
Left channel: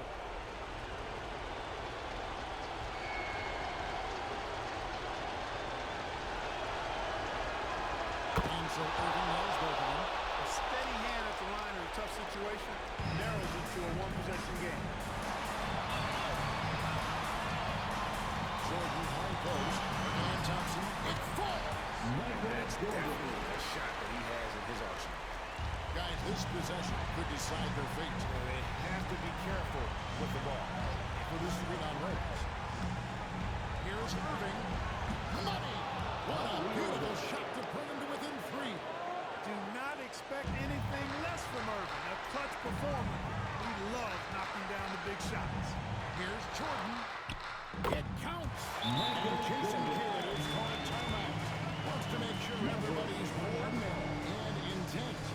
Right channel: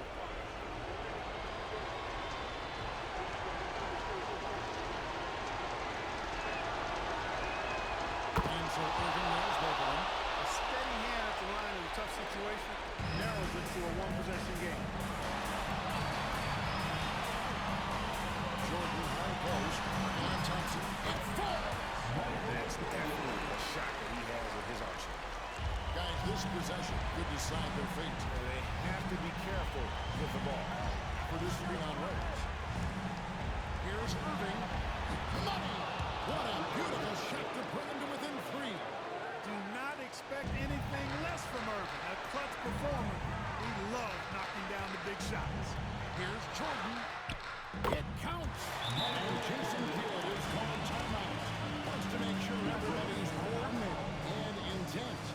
So Irving nails both of them. A steady hand at the line in a tough situation narrows it to a one-possession game. Jordan high post, working on Thompson. It falls! And that's definitely a shot that he has in his arsenal. Guys, this possession could decide their fate. And they have to be careful with the ball. For this screen on Rose. Here's Irving. Money! What a beautiful shot to bring him to within 3. Do not expect anything less from Irving. A clutch performer. He loves knocking down the big shots. Here's Jordan. It counts. And Jason Kidd is called timeout. Wants to make sure everybody's coordinated and intent.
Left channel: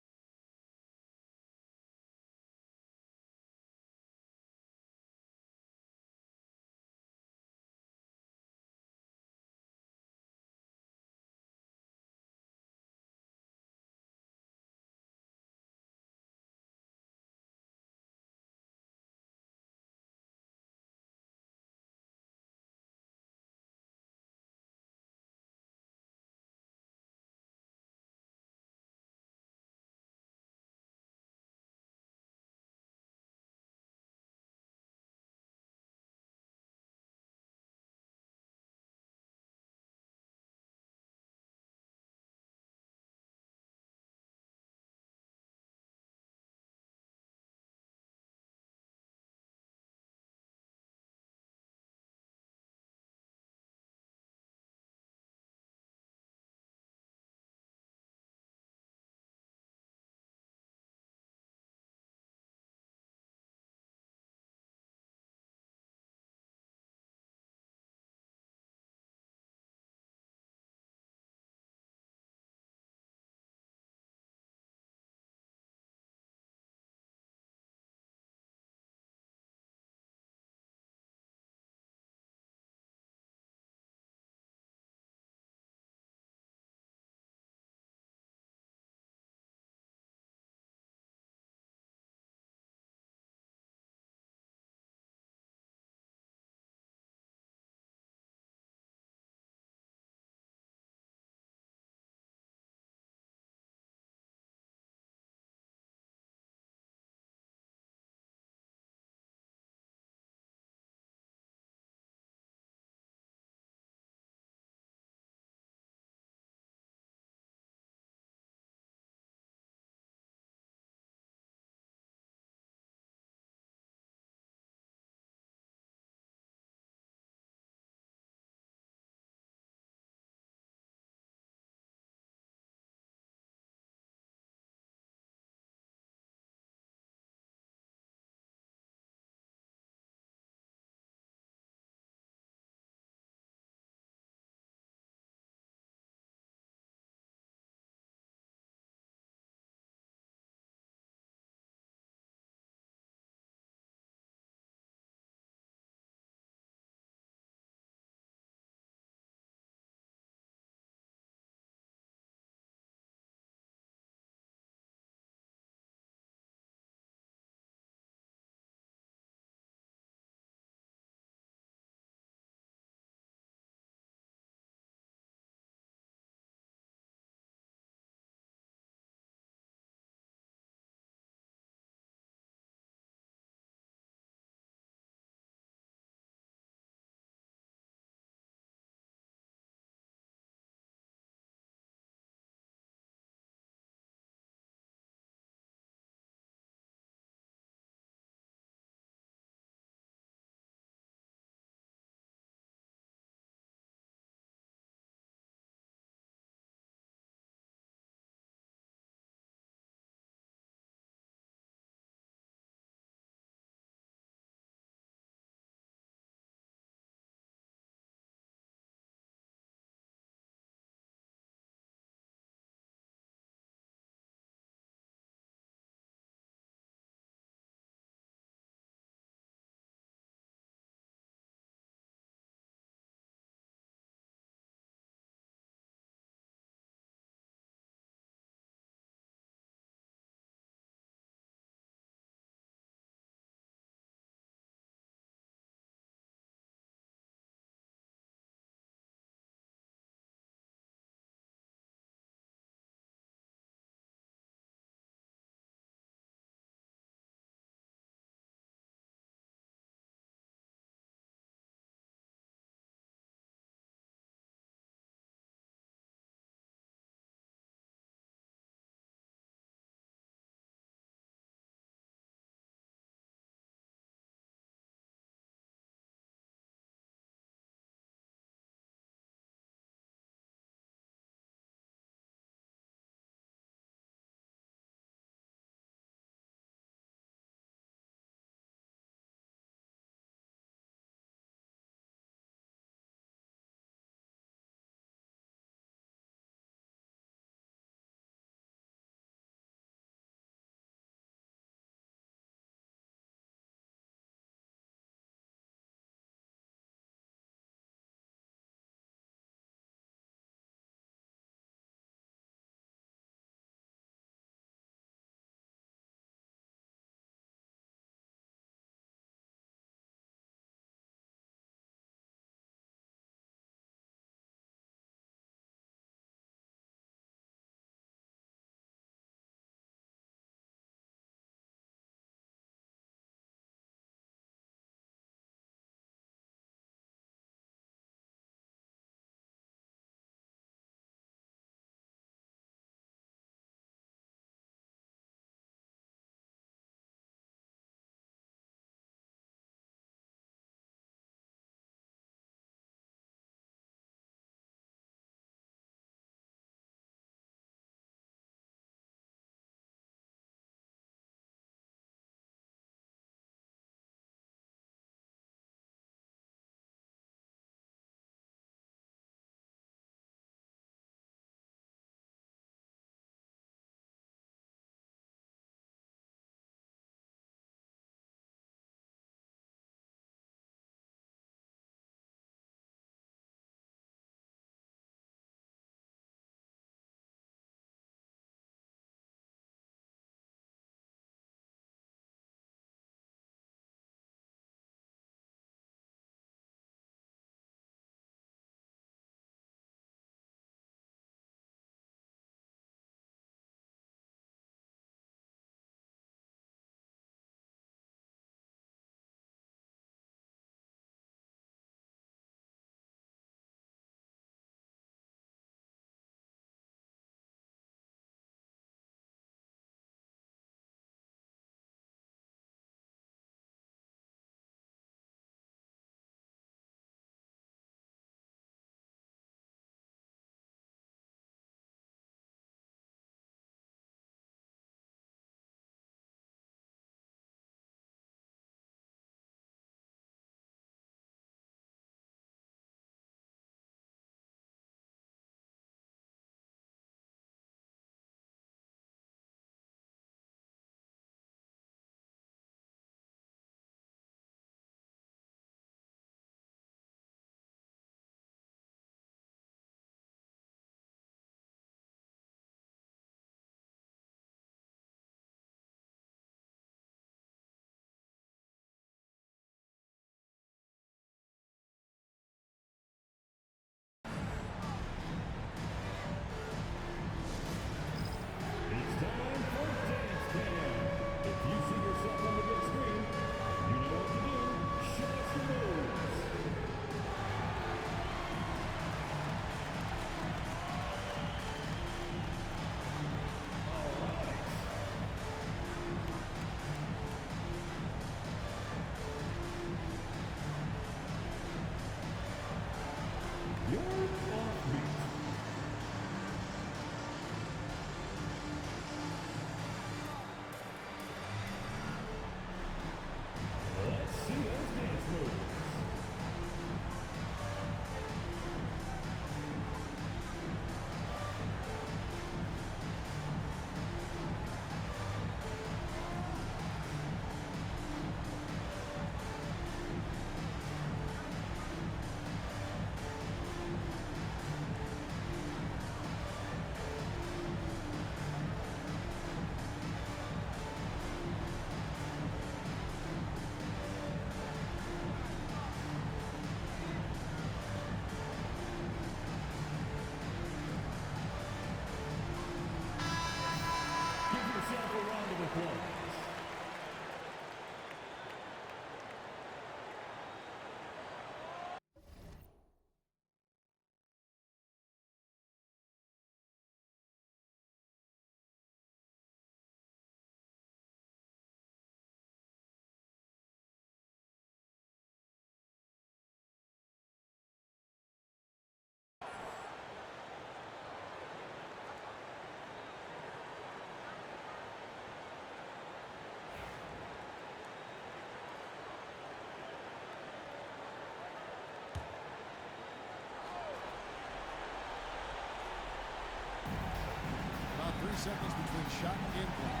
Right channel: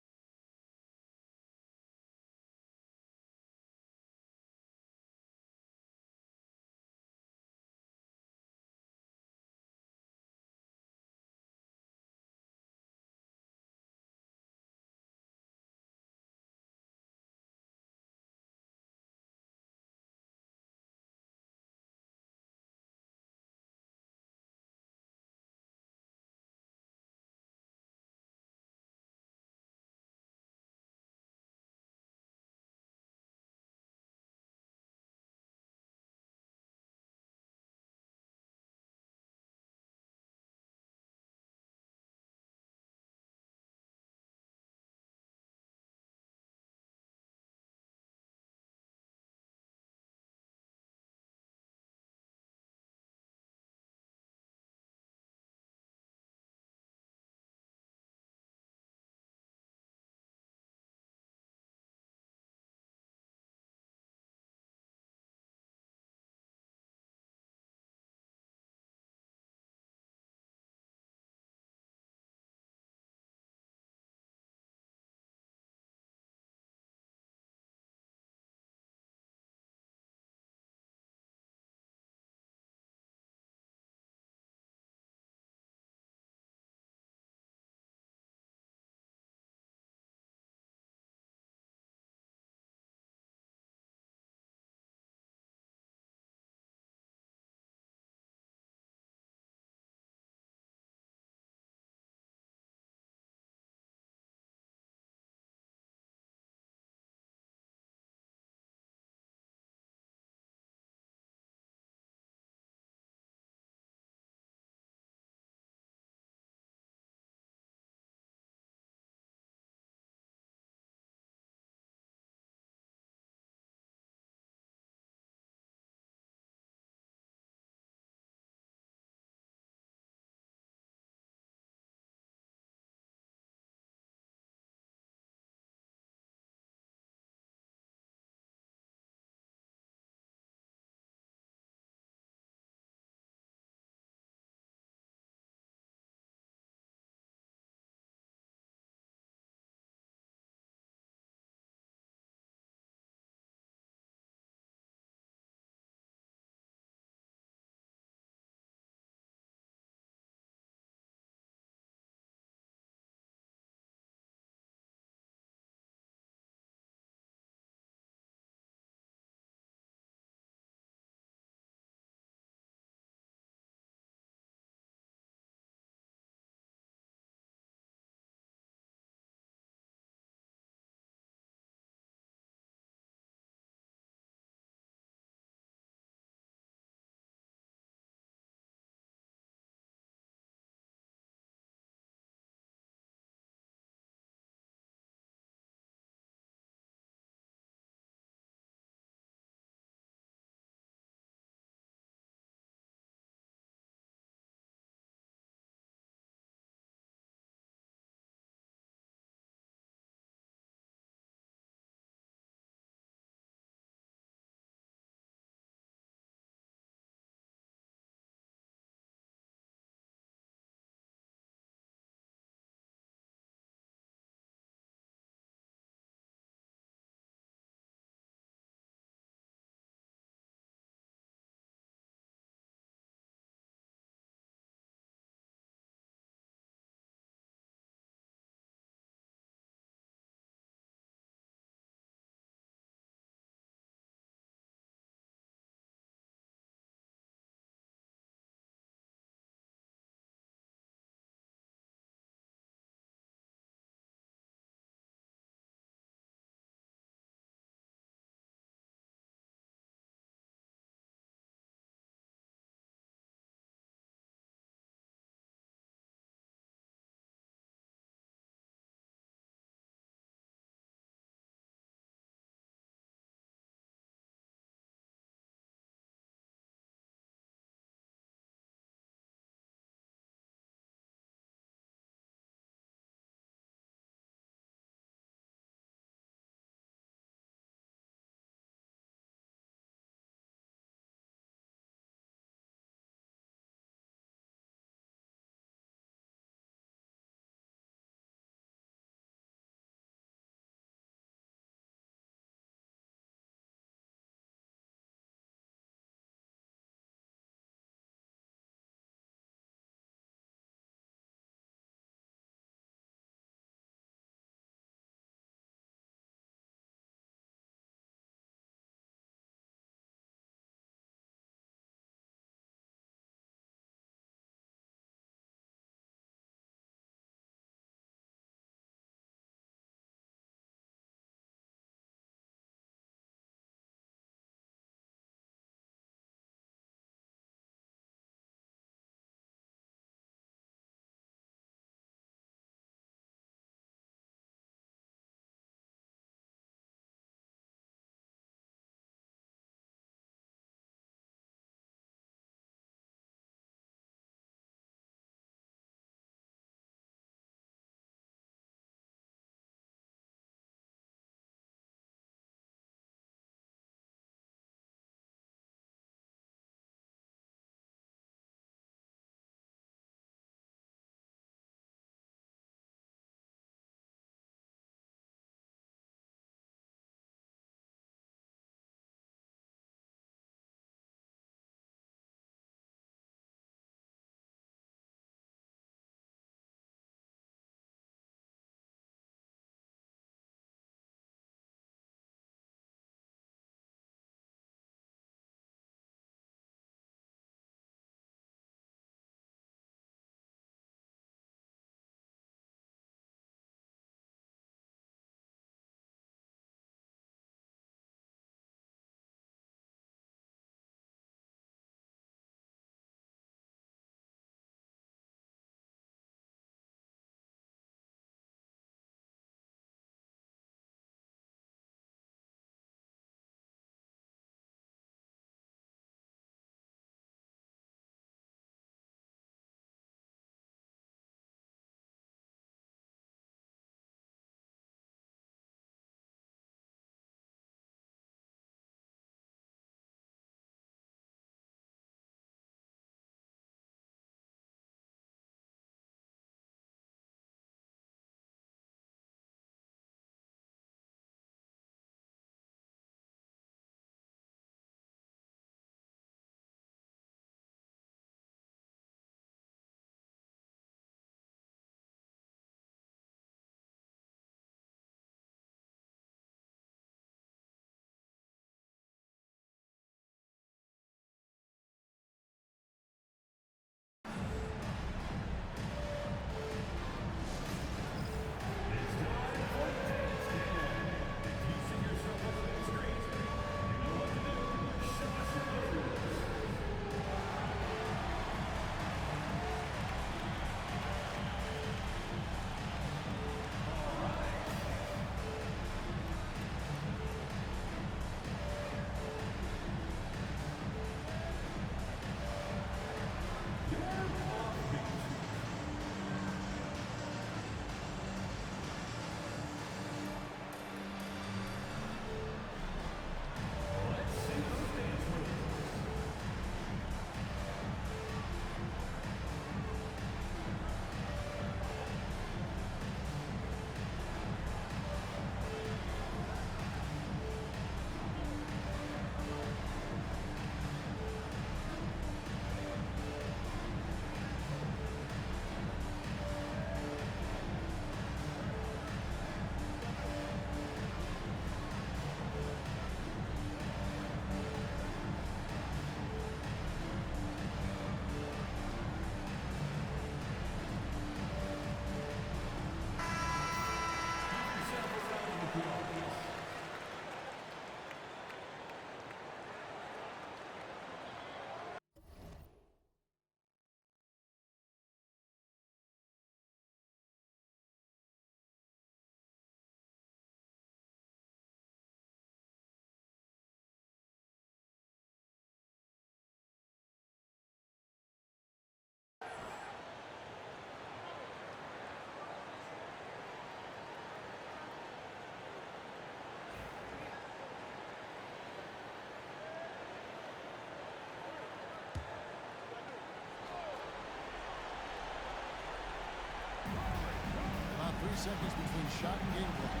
seconds between shot and game clock.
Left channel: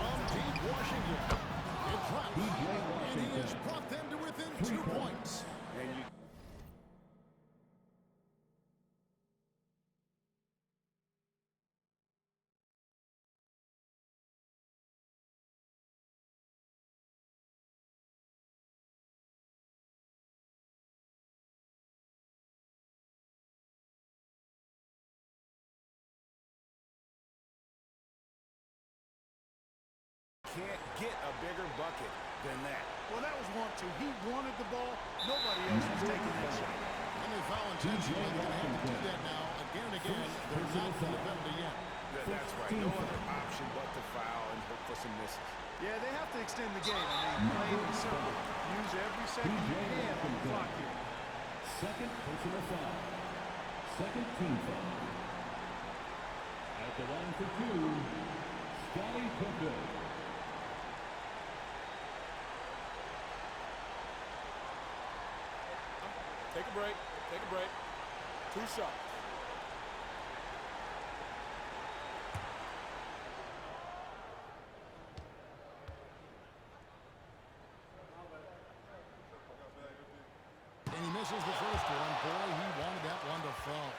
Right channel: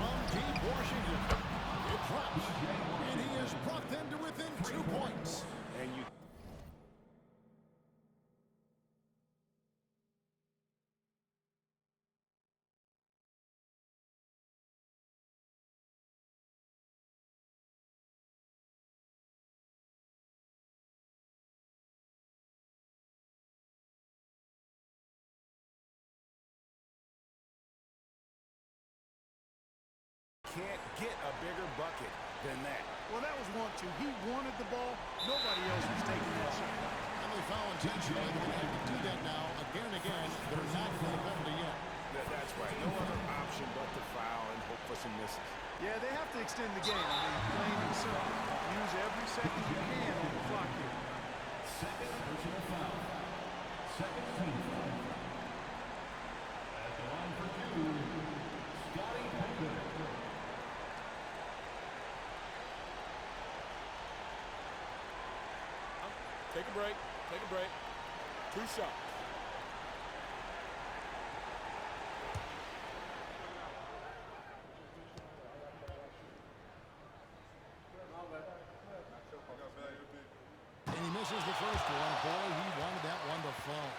From deep Washington. It drops. And he has brought them to within 2 points. And you can't get a bigger bucket than that. Well, that was 1-2. He wanted the ball. Nobody else was taking that shot. And they foul intentionally. They're going to have to do that now again and again. They're not in the penalty yet. That's right. No other option but to foul and hope for some misses. Yeah, they have to extend the game. I mean, plain and simple. Use every second you can on the clock here. Second personal foul. Second team foul. At the line for 2, Scottie Pippen. Take a break. Take a break. 2 shots. And he misses the first one. Boy, he wanted that one to fall.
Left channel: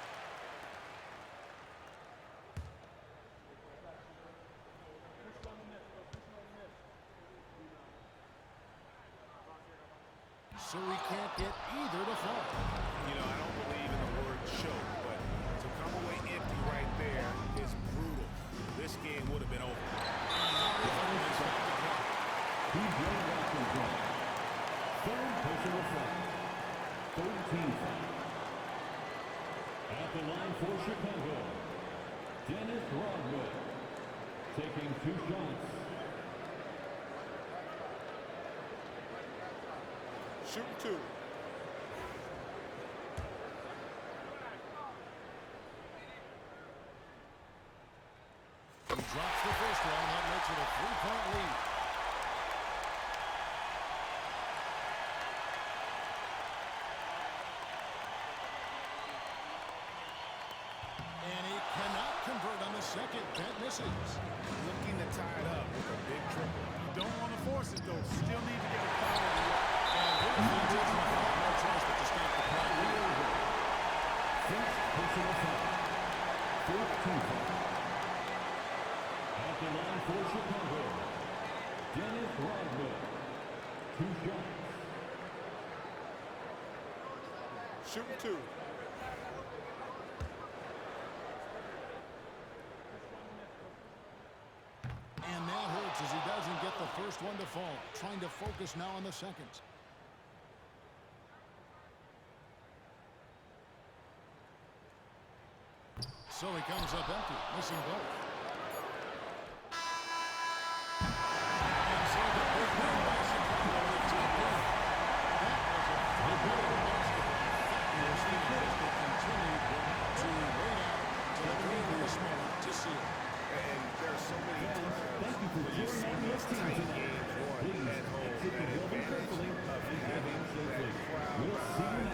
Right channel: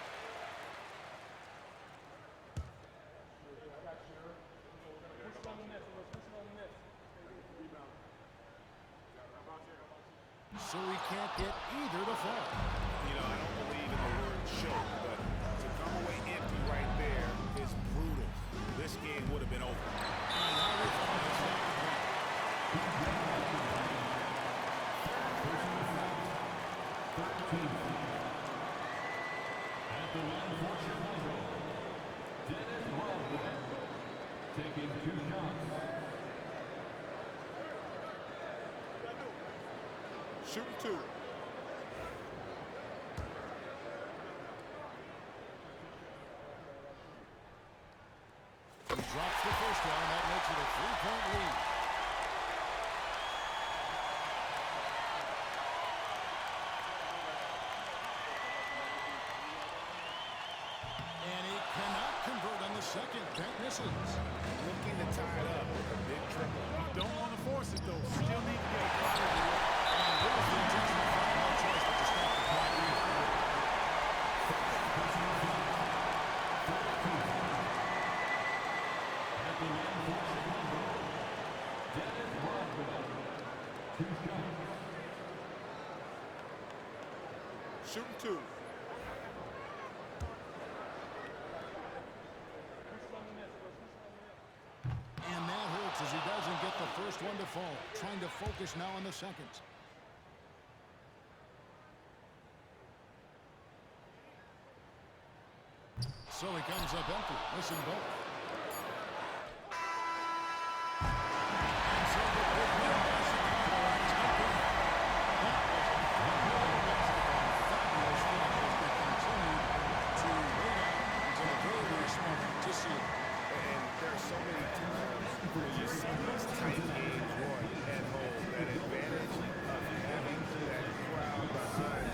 So he can't get either to fall. You know, I don't believe in the word choke, but to come away empty right there is brutal. This game would have been over. And now they finally stop the clock. PJ Washington. Third personal foul. Third team foul. At the line for Chicago, Dennis Rodman. Taking 2 shots. Shooting 2. He drops the first one, and that makes it a 3-point lead. And he cannot convert on the second. That misses. Looking to tie it up with a big triple. You don't want to force it, though. Still need to get a quality look. And here's the intentional foul. No choice but to stop the clock here. First personal foul. Fourth team foul. At the line for Chicago, Dennis Rodman. 2 shots. Shooting 2. And that hurts as he doesn't get the first one to fall. Trying to focus now on the seconds. So he comes up empty, missing both. And so the big win by Chicago in a tight game. That was a fun night of basketball. Fabulous finish as they continued to wait out until the very last moment to seal it. And there are so many times when you see these tight games won at home. That advantage of having that crowd behind